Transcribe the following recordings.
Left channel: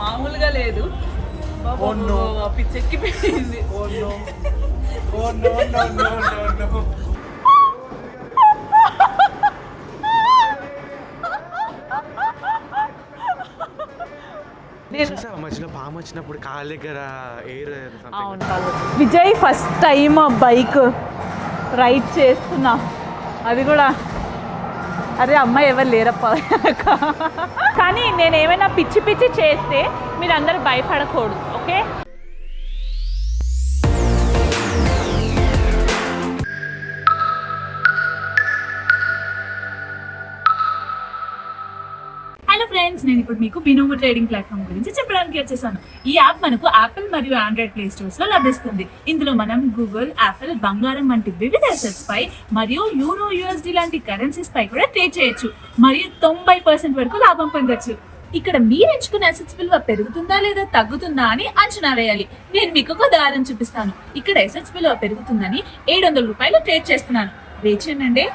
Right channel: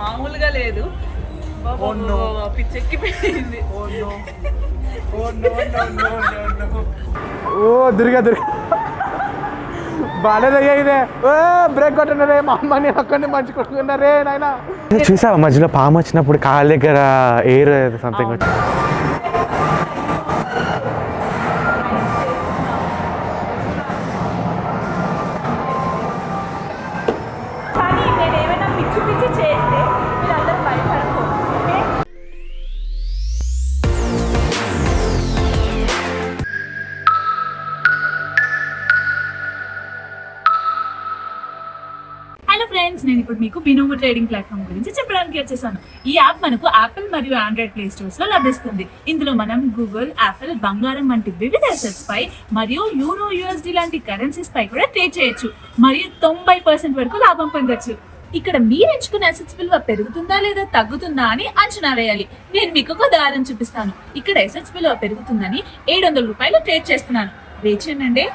మామూలుగా లేదు. పిచ్చెక్కిపోయింది. ఓ దుర్గా బాగాలేదయ్యా ఇదే. బ్రేక్ కొట్టినదే మా అమ్మని అక్కడిని మంచుకుంటున్నారే నాయన. చూసావా మధ్యలో పాము వచ్చినప్పుడు కాళ్ళ దగ్గర air something. Vijay first time bike ride చేస్తున్నా, అది కూడా అదే అమ్మాయి ఎవరు లేరప్ప. కానీ నేను ఏమైనా పిచ్చి పిచ్చి చేస్తే మీరందరూ భయపడకూడదు, ఓకే? హలో ఫ్రెండ్స్, నేను ఇప్పుడు మీకు బినోమో ట్రేడింగ్ ప్లాట్ఫామ్ గురించి చెప్పడానికి వచ్చేసాను. ఈ యాప్ మనకు యాపిల్ మరియు ఆండ్రాయిడ్ ప్లే స్టోర్స్ లో లభిస్తుంది. ఇందులో మనం గూగుల్, యాపిల్, బంగారం వంటి వివిధ అసెట్స్ పై మరియు యూరో, USD లాంటి కరెన్సీస్ పై కూడా ట్రేడ్ చేయొచ్చు మరియు 90% వరకు లాభం పొందొచ్చు. ఇక్కడ మీరు ఎంచుకున్న అసెట్స్ విలువ పెరుగుతుందా లేదా తగ్గుతుందా అని అంచనా వేయాలి. నేను మీకు ఒక ఉదాహరణ చూపిస్తాను. ఇక్కడ అసెట్స్ విలువ పెరుగుతుందని 700 రూపాయలు ట్రేడ్ చేస్తున్నాను. రేచేనండి.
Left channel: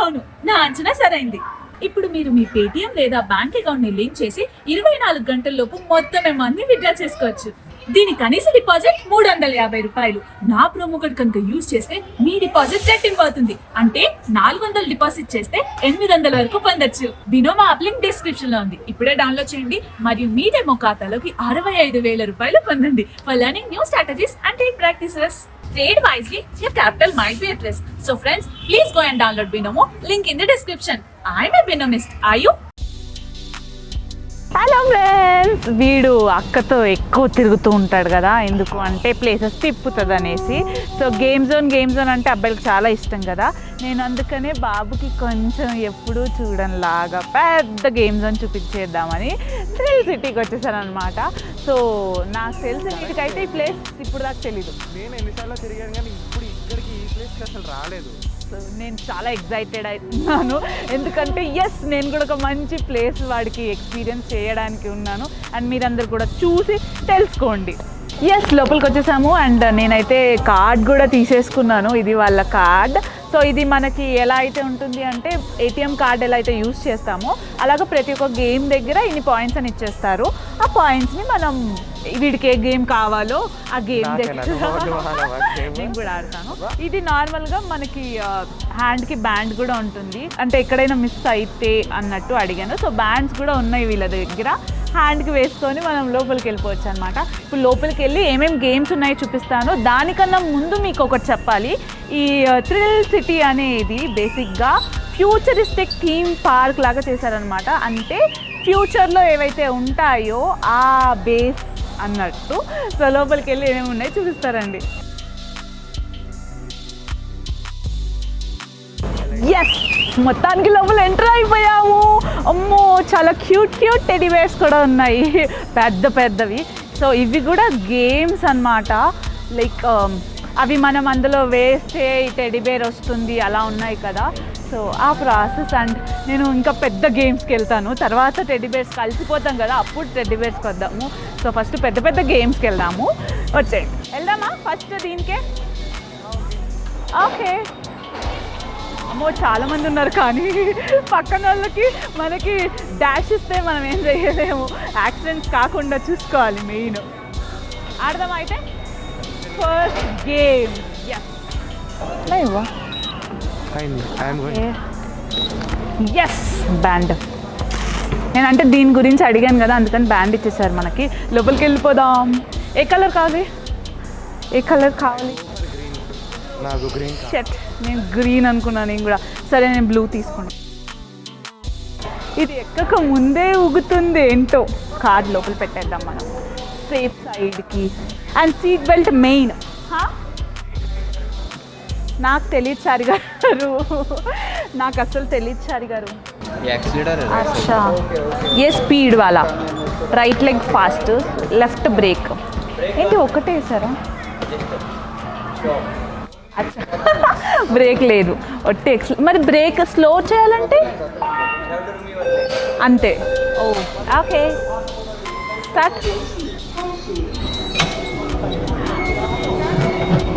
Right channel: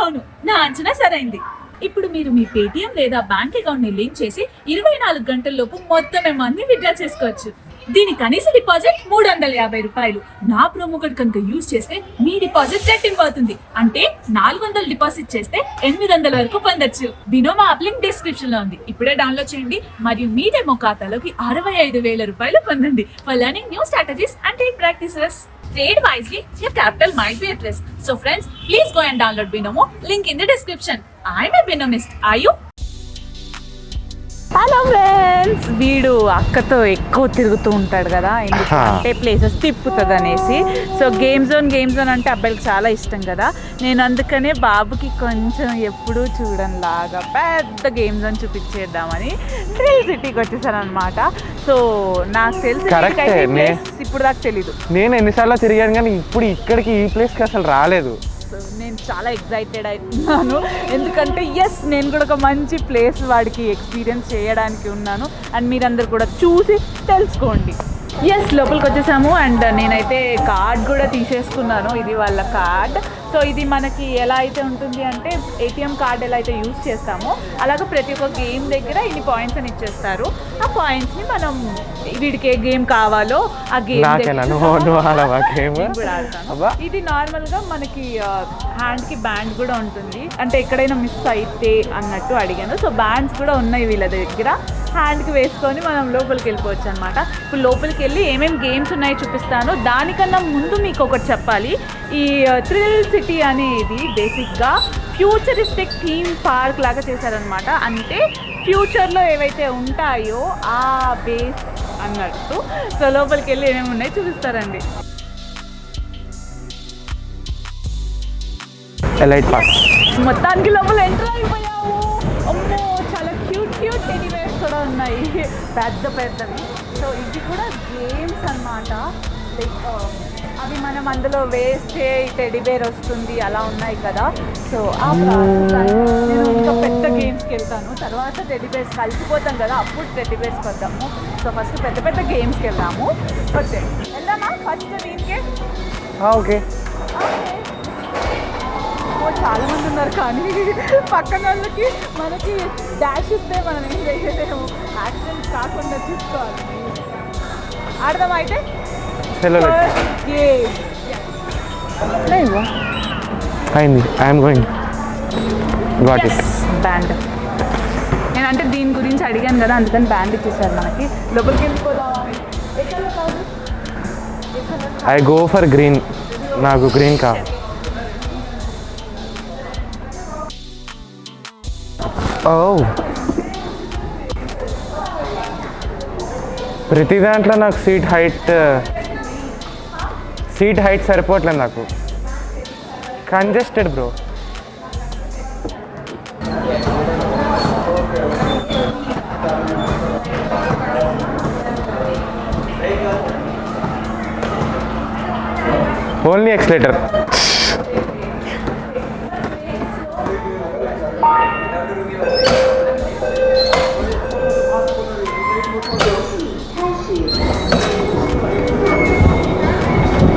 అవును, నా అంచనా సరైంది. ఇప్పుడు మీరు మీ పేటిఎం లేదా బ్యాంక్ అకౌంట్ ని లింక్ చేసి 24 గంటల్లోపు మొత్తం అమౌంట్ ని విత్డ్రా చేసుకోవచ్చు. దీని కనీస డిపాజిట్ 350 రూపాయలు. నా ప్రోమో కోడ్ కనుక యూజ్ చేస్తే మీ డిపాజిట్ రెట్టింపు అవుతుంది. అంటే 400 డిపాజిట్ చేస్తే 800 వరకు పొందొచ్చు. బినోమో యాప్ లింక్ డిస్క్రిప్షన్ లో ఉంది. ఇప్పుడే డౌన్లోడ్ చేయండి మరియు మీ డెమో ఖాతాలోకి 65,000 రూపాయలు పొందండి. For learning new strategies and trade practices. Trade wisely, your capital might be at risk. So friends, please go and download Binomo. Link in the description. I'm a Binomist. Are you? Hello friends, వీడు అక్కతో ఎక్కువ తిరుగుతూ ఉంటాడు కదా, ఎందుకంటే places తిప్పుతుంది అనేసి. So game zone అంటే అబ్బాయిలకు చాలా ఇష్టం కదా. నేను అందుకనే బాబుకి కొంచెం ఎప్పుడూ చూడని లాగా పెద్ద గేమ్ జోన్ చూపించేద్దామని థ్రిల్ సిటీకి వచ్చేసాను అనమాట. సో నాకు తెలిసి ఇప్పుడు దాకా తెలీదు. నేను ఎన్నిసార్లు తిరిగాను కానీ ఇప్పుడు ఇక్కడికి ఈ ప్లేస్కి అసలు రాలేదు. నేను చాలా ఎక్సైటెడ్ అవుతున్నాను, ఎందుకంటే నేను కూడా ఒక మంచి ప్లేస్ వాడికి ఎక్స్పీరియన్స్ చేయడానికి ఉన్నాను. అండ్ మీరందరూ కూడా చూసి తెలుసుకోండి. లోపలికి వచ్చేసాము. అండ్ నేనైతే కార్డ్ కూడా తీసేసుకున్నాను. ఇది వాళ్ళ కార్డ్. సో ఇది మనకి ఎలా అయితే ఉంటుంది అంటే ATM కార్డ్ ఎలా అయితే యూజ్ చేస్తామో అలాగే ప్రతి ఒక్క గేమ్ దగ్గర ఇన్ని పాయింట్స్ అని ఇచ్చేస్తారు. ఆ పాయింట్స్ని మనం వీడికి ఏ గేమ్ కావాలో ఆ గేమ్ ఇది నార్మల్గా మనకి హ్యాండ్కి బ్యాండ్ కూడా ఉంటుంది. అంటే ఎక్కడైనా మిస్ అయితే అన్నట్టు అడిగాను. సో బ్యాండ్స్ కూడా ఉన్నాయి వీళ్ళ దగ్గర. హ్యాండ్కి వేసుకొని మనం లోపలికి వెళ్ళిపోవచ్చు అనమాట. ఇప్పుడు లోపలికి వెళ్ళి ఏమేమి గేమ్స్ ఉన్నాయో చూపిస్తాను. దానికన్నా ముందు మీకు ఒకటి చెప్పాలి. ఈ థ్రిల్ సిటీ అనేది బేసిక్గా ఫ్యూచరిస్టిక్ థీమ్ పార్క్ లాగా చేశారనమాట. అంటే ఫ్యూచర్లో ఏవైతే ఉంటాయో ఆ బేస్ అన్నట్టు. సో లోపలికి వెళ్ళి ఏమేమి ఉన్నాయో చూపిస్తారండి. మొత్తానికి లోపల ఎంటర్ అయిపోయాము. అమ్మో, చాలా క్యూట్ టెడ్డీ బేర్స్ కూడా ఉన్నాయి, పెద్దవి. సో ఇవి కూడా గేమ్స్ అన్నమాట. లైక్ అవి మనం అందులో వేస్తే టెడ్డీ బేర్ వస్తుంది, అలా ఉన్నాయి కదా. సో ఆ ప్రాసెస్ నేను ఇంకా పెద్ద గేమ్స్కి వెళ్తాను. తర్వాత టెడ్డీ బేర్స్ కలిసిపోతాం కదా, అప్పుడు టెడ్డీ బేర్స్కి వద్దాము. సో ఫస్ట్ పెద్ద గేమ్స్కి వెళ్దాము. వెళ్దామా ఫస్ట్ దీనికి? ఓకే. చాలా మంది ఉన్నారు కానీ పక్కన వాళ్ళకి మనకి డాష్ ఇస్తే మనం ఏం చేయలేము. యాక్సిడెంట్స్ కాకుండా చూసుకోవాలి మెయిన్. అర్థమైతే గేమ్ బ్యాండ్. నేనంటే దీని గురించి అడిగాను కదా, అందుకని బ్యాండ్ ఇచ్చేసారు మనకి. లోపలికి వెళ్ళిపోదాం. ఏ కలర్ కాదు? I go for green. నాకు గ్రీన్ కాదు. నేను గ్రీన్ అనుకున్నాను నేను కూడా. సరే, నేను బ్లూ తీసుకున్నాను. ముందే ఊగుతుంది ఏంటో. కార్డ్ లోపల పెట్టేద్దాం. ప్రతి దాంట్లో నాకు seat height main seat height సరిపోవట్లేదు. నాకు తెలియదు సారి గారు. Congested bro. నాకు అసలు తెలియదు సారి గారు. ఏ స్పీడ్ వాళ్ళ right leg fast, left break. అయితే ఒకటే సార్, ఓన్లీ ఎక్స్లేటర్. బ్రేక్ లేదు, ఒట్టి మరి బ్రేక్ స్లో చేయాలంటే అంతే. Okay,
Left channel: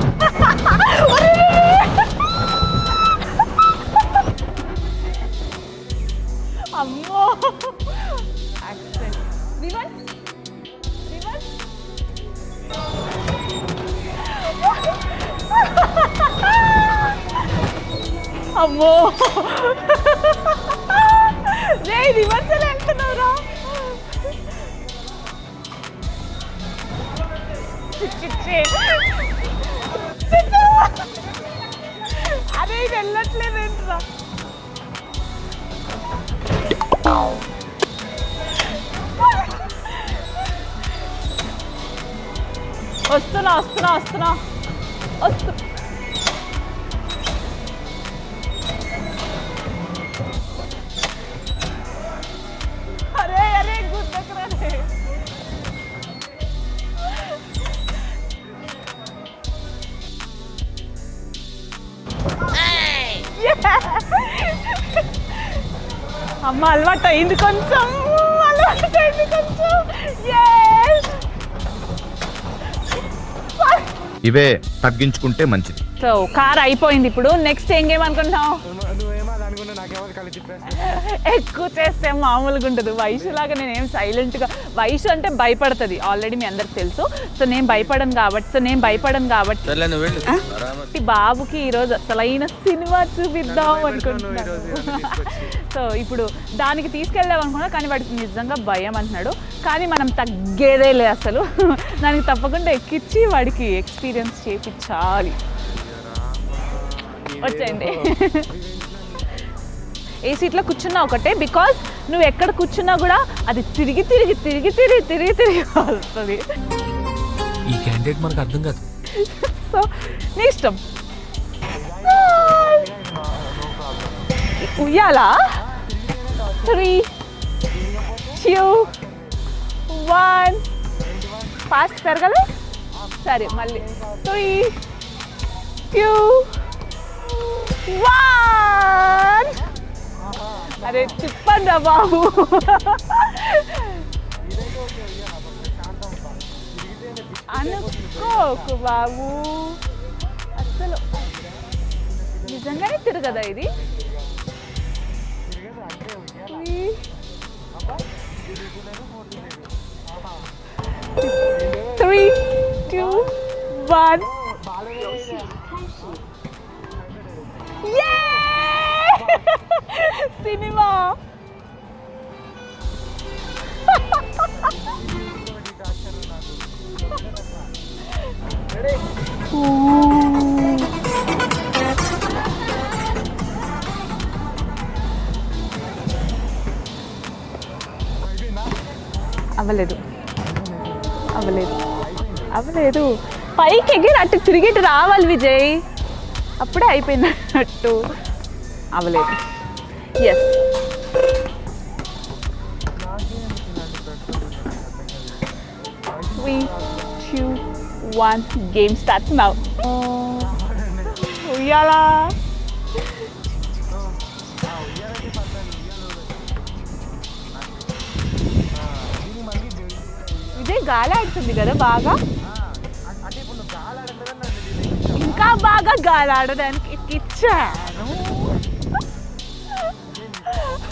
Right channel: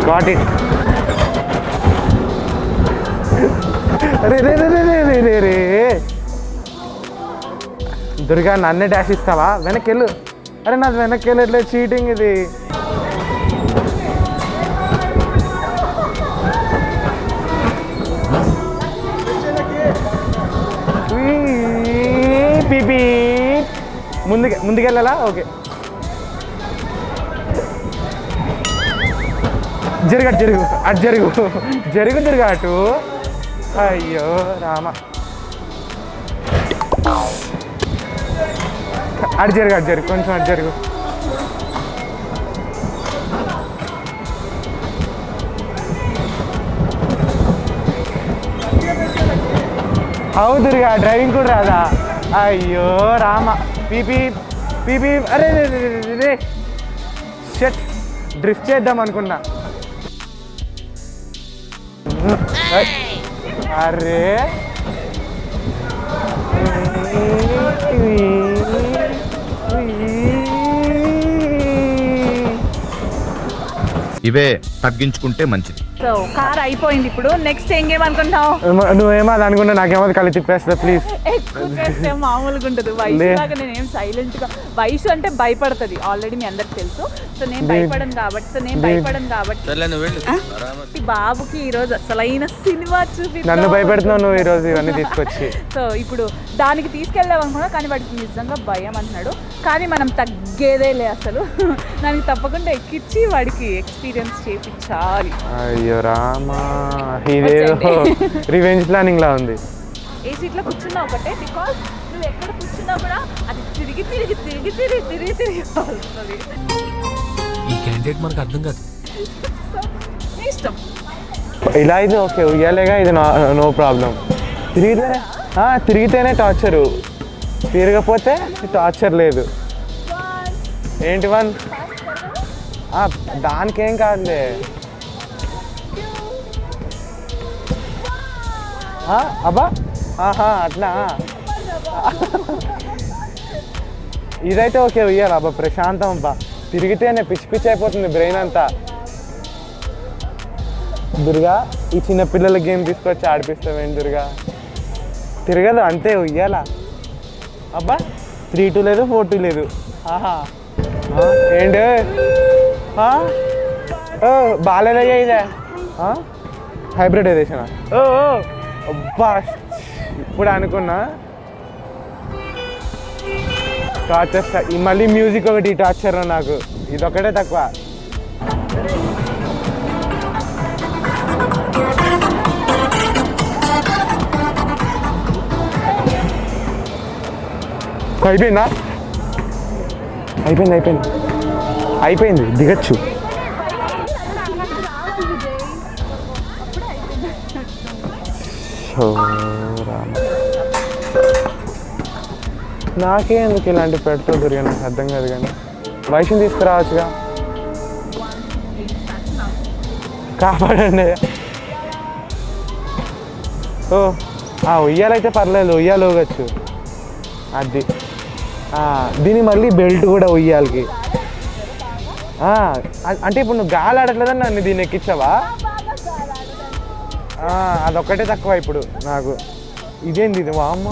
got it. రే దుర్గా నన్నే డాష్ ఇస్తావా? వెనక్కి వెళ్ళు. అరే నాది వెనక్కి వెళ్ళట్లేదు, చీటింగ్ ఇది. అమ్మో ముందుకెళ్ళాలా? ఓకే, జరుగు అటు జరుగు అటు. అయ్యో రామ, అటు జరుగు కొంచెం అటు జరుగు. వస్తున్నా. అవు దుర్గా, డ్రైవింగ్ కూడా రాదా? అయ్యో రామ, పీపీ. అరే షట్, డ్రిఫ్ట్ చేద్దాం అనుకున్నా. అరే అమ్మ అలవాటు అయింది కొంచెం. ఇవే తగ్గించుకుంటే మంచిది. సో కార్ అయిపోయింది. ఇప్పుడు నెక్స్ట్ ఏం గేమ్ అనుకుంటావు? నువ్వేమో అది అనుకున్నా, నాకేమో కళ్ళు తిప్పేస్తా ప్లీజ్. ఎక్కువ చేస్తే మామూలుగా ఉంటుంది. వైషు లాగా నేనేం సైలెంట్ గా, వైషు అంటే భయపడుతుంది ఆల్రెడీ మీ అందరికి తెలుసు. సో నేను భయపడను కాబట్టి బాబుకి ఈ రోజు అసలైన సినిమా చూపి. నన్ను భయపెడుతున్నావు నువ్వు ఈ రోజు ఇవన్నీ తీసుకొచ్చి. సో ఇప్పుడు దానికి తీసుకెళ్దాం అనుకున్నా, కానీ వాడికి నిజంగా భయం అంటున్నాడు. కానీ మనం తగ్గేదే లేదు అసలు. దానికి తప్పకుండా ఎక్కించి వాడికి ఎక్స్పీరియన్స్ చేయించాలి. అయ్యో రామా, ఇదేదో రివెంజ్ ప్లానింగ్ లా ఉంది. ఏ సీట్లో కూర్చున్నా ఒకటే, బికాస్ నువ్వు ఎక్కడ కూర్చున్నా కూడా అది తిరిగి వస్తుంది. ఈ క్యాండిడేట్ మనకు అర్థం కాదు. సో నీ ఇష్టం. ఇలా అయితే ఓకే, ఉయ్యాలేగా, ఇది నో ప్రాబ్లం. తిరిగితేనే టార్చర్, తిరగపోతే టార్చర్ లేదు. 1 ఏంటి 1 ఫాస్ట్ జరగదు. దానికేం కాదు. 3 2 1. అబ్బా అట్లా చెప్పండి బాబు. ఇదైతే ఓకే, ఉయ్యాలి అబ్బా, ప్రశాంతం అబ్బా. తిరిగితేనే పిచ్చి అయిపోతుంది బ్రెయిన్ అంతా. దుర్గా, ఈ చిన్న పిల్లల గేమ్ తీసుకొచ్చి ఆడిపిస్తామేం దుర్గా? తిరగదు అంతే, ఉయ్యాలా. అబ్బా 3-2 లేదు, 4-2 లేదు. ఏంటి బాగాలేదయ్యా ఇదే హైబ్రిడైజేషన్. అబ్బా ఇప్పుడు అనుకున్నా టార్చర్. మళ్ళీ మ్యూజిక్ ఒకటి టార్చర్ నాకు, ఇదొక్కటే తక్కువ. అయిపోయిందా? అయిపోయింది దిగచ్చు. పైకి ఎగిరి అటు తిరిగి రావాలి విజయ్, అప్పుడే అయిపోయినట్టు. నాకే ఎందుకు ఇలాంటి పెడుతూ దుర్గా, నాకు అర్థం కాదు. కానీ వయసుని తీసుకురావచ్చుగా. Game starts now. కాపాడండి. ఉయ్యాలా? ఉయ్యాలైతే పర్లేదు, ఉయ్యాలు ఊగచ్చు. అది దీని మళ్ళీ బెల్ట్ కూడా ఉయ్యాలి. గాలి ఆడుతుంది కదా బాగా. అంటే ఇప్పుడు నువ్వు గాలి ఆడట్లేదని నన్ను దీన్ని ఎక్కించావా? బాగా గాలి ఆడడానికి అదొక్కటే తక్కువ ఇప్పుడు నాకు. ఇదేంది ఇది? వామ్మ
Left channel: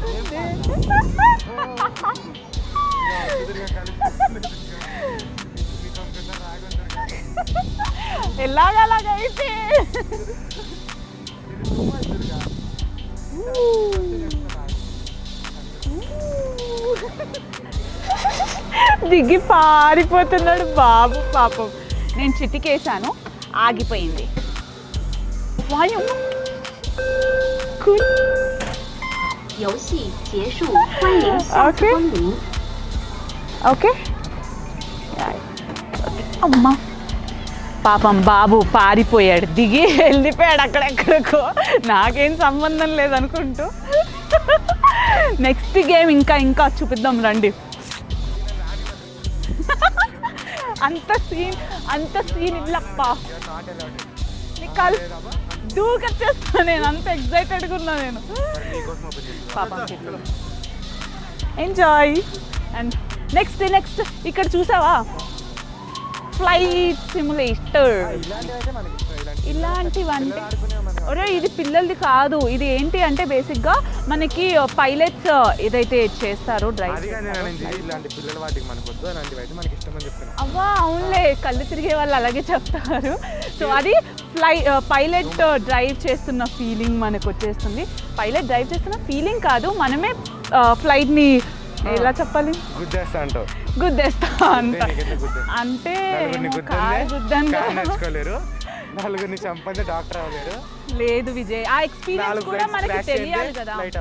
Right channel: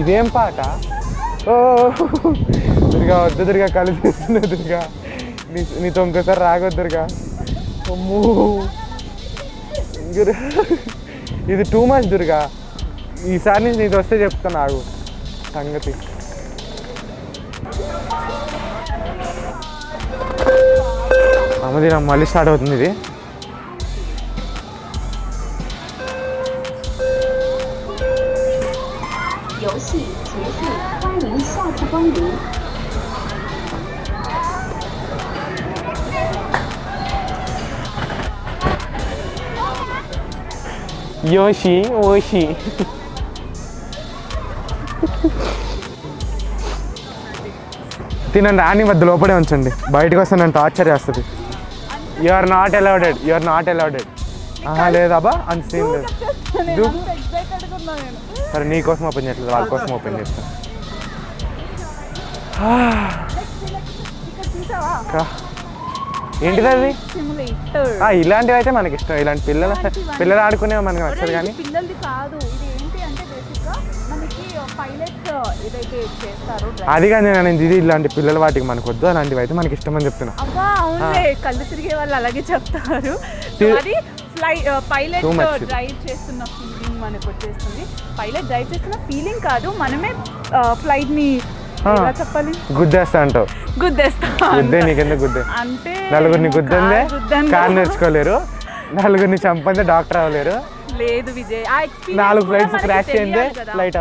ఇదేం పాట? దుర్గా వద్దు దుర్గా, కలిపిస్తుంది దుర్గా, నీతో ఇంకోసారి రాగొద్దురుగా. ఇది టూ మచ్ దుర్గా, ఈసారి నేను నీకు వస్తే చెప్తాను నాకు సంగతి. దిగి పారిపోతున్నాడు బాబు పాపం. అమ్మది మళ్ళీ స్టార్ట్ అవుతుంది. ఇది ఆగిపోయింది. ఓకే అమ్మా, పాపం బాబు పారిపోయాడు, దిగి వెళ్ళిపోయాడు అక్కడెక్కడ. నాకేం సంబంధం లేదనుకుంటూ. నెక్స్ట్ గేమ్ ఇంకా ఇంకా చూపిద్దాం రండి. తినండి, ఆని వద్ద లోపడే ఉంచండి, బయటకు వస్తే నన్ను టార్చర్ చేస్తుంది. You are not allowed, you are not allowed. లేదాబా అంత సీన్ లేదు. సరే నీకోసం ఓపెన్ చేస్తాను, వాళ్ళ కోసం ఓపెన్ చేస్తాను. ఎంజాయ్. నెక్స్ట్ నెక్స్ట్ ఇక్కడ చూసావా ఏంటిది సిమ్యులేటర్. ఇలాంటివి అయితే మనకి ఇష్టం. ఇలాంటి పిల్లలు ఆడుకునేవి మనకి నచ్చదు కానీ ఇది పిల్లలది కాదు. ఇది ఏంటి అంటే బేసిక్ గా మనకి పైలట్స్ ఏదైతే చేస్తారో అది కానీ నేను ఇది ఇలాంటి పిల్లల వాటికి మనకు వద్దు, అలాంటివి అయితే మనకి ఇష్టం అని చెప్తున్నా. అబ్బా అవునులే, కళ్ళు తిరిగే వాళ్ళు అలాగే చెప్తారు. సో అది పైలట్ డ్రైవ్ చేస్తున్న ఫీలింగ్ మనకు వచ్చేస్తుంది. పైలట్ డ్రైవ్ చేస్తున్న ఫీలింగ్ కాదు, మనమే ఫ్లైట్ ని ఎలా చెప్పాలి, గుద్దేస్తా అంటావు. గుద్దేస్తా నీకెందుకు గుద్దే? అంటే నలుగురిని గుద్దందే కారు నేర్చుకోలేరు, నలుగురిని చంపందే డాక్టర్ అవ్వలేరు, లేదు విజయ్. 4 ఫ్లైట్స్ క్రాష్ చేయందే ఫ్లైట్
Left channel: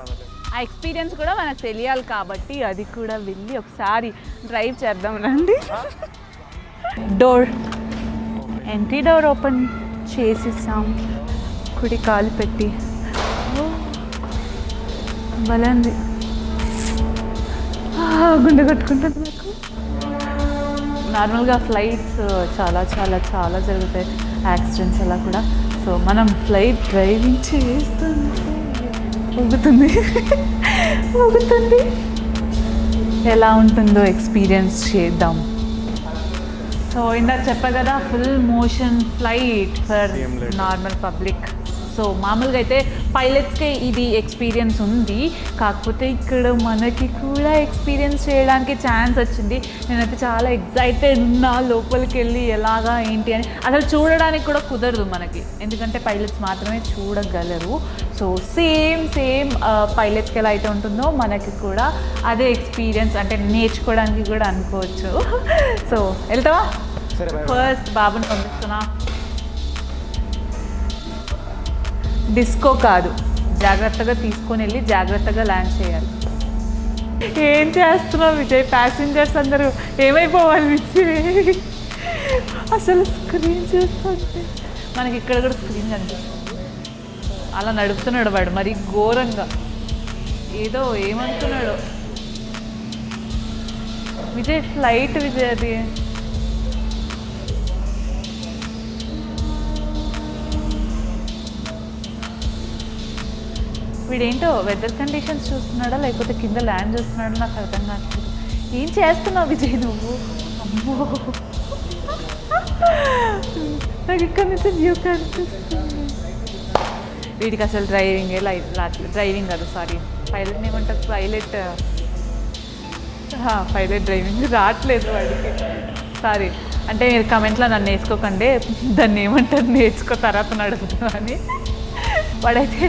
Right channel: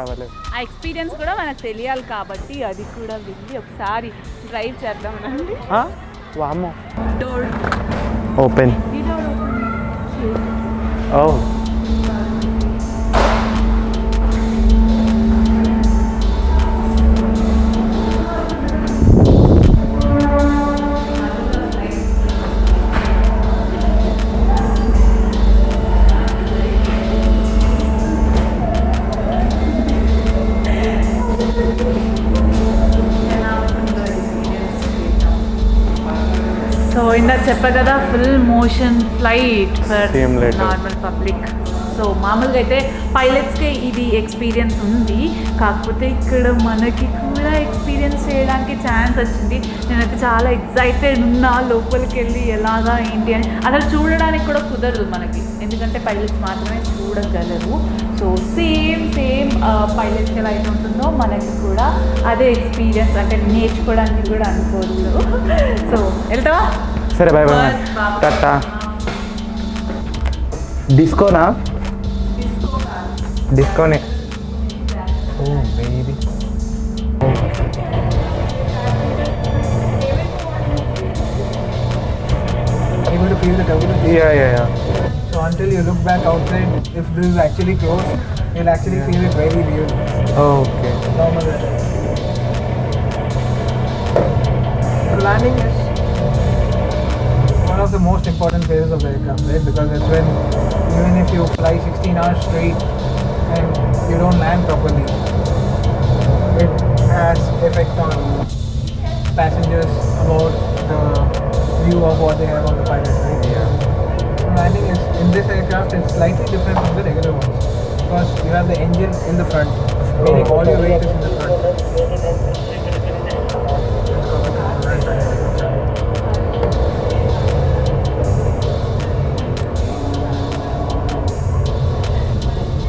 అవ్వలేదు. ఆ ఎక్స్పీరియన్స్ కూడా మనకు తెలియాలి కాబట్టి అది కూడా వెళ్ళి ఒకసారి డ్రైవ్ చేద్దాం రండి. వామ్మో, door open, entry door open చేసేసాం. ఓ కుడి కాలు పెట్టి మళ్ళీ గుండె కట్టుకుంటా. నార్మల్గా ఫ్లైట్స్ చాలా చాలా చాలా జరుగుతాయి యాక్సిడెంట్స్ అలా కూడా. సో మనం ఫ్లైట్ డ్రైవింగ్ చేస్తుంది ఎలా ఉంటుందో ఎక్స్పీరియన్స్ చేద్దాం. సో ఇందాక చెప్పా కదా, full motion flight for normal public. So మామూలుగా అయితే పైలట్స్కి ఇది ఎక్స్పీరియన్స్ ఉంది, కాకపోతే ఇక్కడ మనకి కూడా ఎక్స్పీరియన్స్ చేయడానికి ఛాన్స్ వచ్చింది. నేనైతే చాలా ఎక్సైటెడ్ ఉన్నా లోపలికి వెళ్ళి ఎలాగా ఏంటి అని. అలా చూడడానికి కూడా కుదరదు మనకి, ఎందుకంటే పైలట్స్ మాత్రమే చూడగలరు. సో సేమ్ పైలట్స్కి ఎలా అయితే ఉంటుందో మనకి కూడా అదే ఎక్స్పీరియన్స్, అంటే నేర్చుకోవడానికి కూడా అనుకోవచ్చు. సో వెళ్తావా? సరే బాయ్ బాయ్. టాటా. డిస్కోనా? డిస్కో కాదు, డిస్కోనే. జాగ్రత్తగా తీసుకొని వెళ్ళి జాగ్రత్తగా ల్యాండ్ చేయాలి. ఏం చేస్తున్నావు విజయ్? ప్యాసింజర్స్ అందరూ ఏమైపోవాలి విజయ్ అసలు. మనకి ఇక్కడ కూడా అలా నడుస్తున్నాడు వాడు, మరి ఘోరంగా ఏదో ఏమంటున్నాడు Vijay. Flight one of the most important phases of the aircraft, right? Because it's when, even if you fly 16 hours straight and you don't land weather properly, conditions చూస్తున్నాడా లేకపోతే కింద ల్యాండ్ it has చేస్తున్నా? effect on ఏం చేస్తున్నావు Vijay? passengers about the view of what they have on the pilot. నాకు ఇక్కడ నుంచి And view in this aircraft, it's slightly different from the regular one. వీడికి అసలు driving First, you have the engine in the front. All the way to the pilot driving రావట్లేదు sorry. అంటే మీరు కమెంట్లో నన్ను నేర్చుకోకండి, దాన్ని ఏమంటారు నేర్చుకో తర్వాత నడుపుతున్నా అని. వాడైతే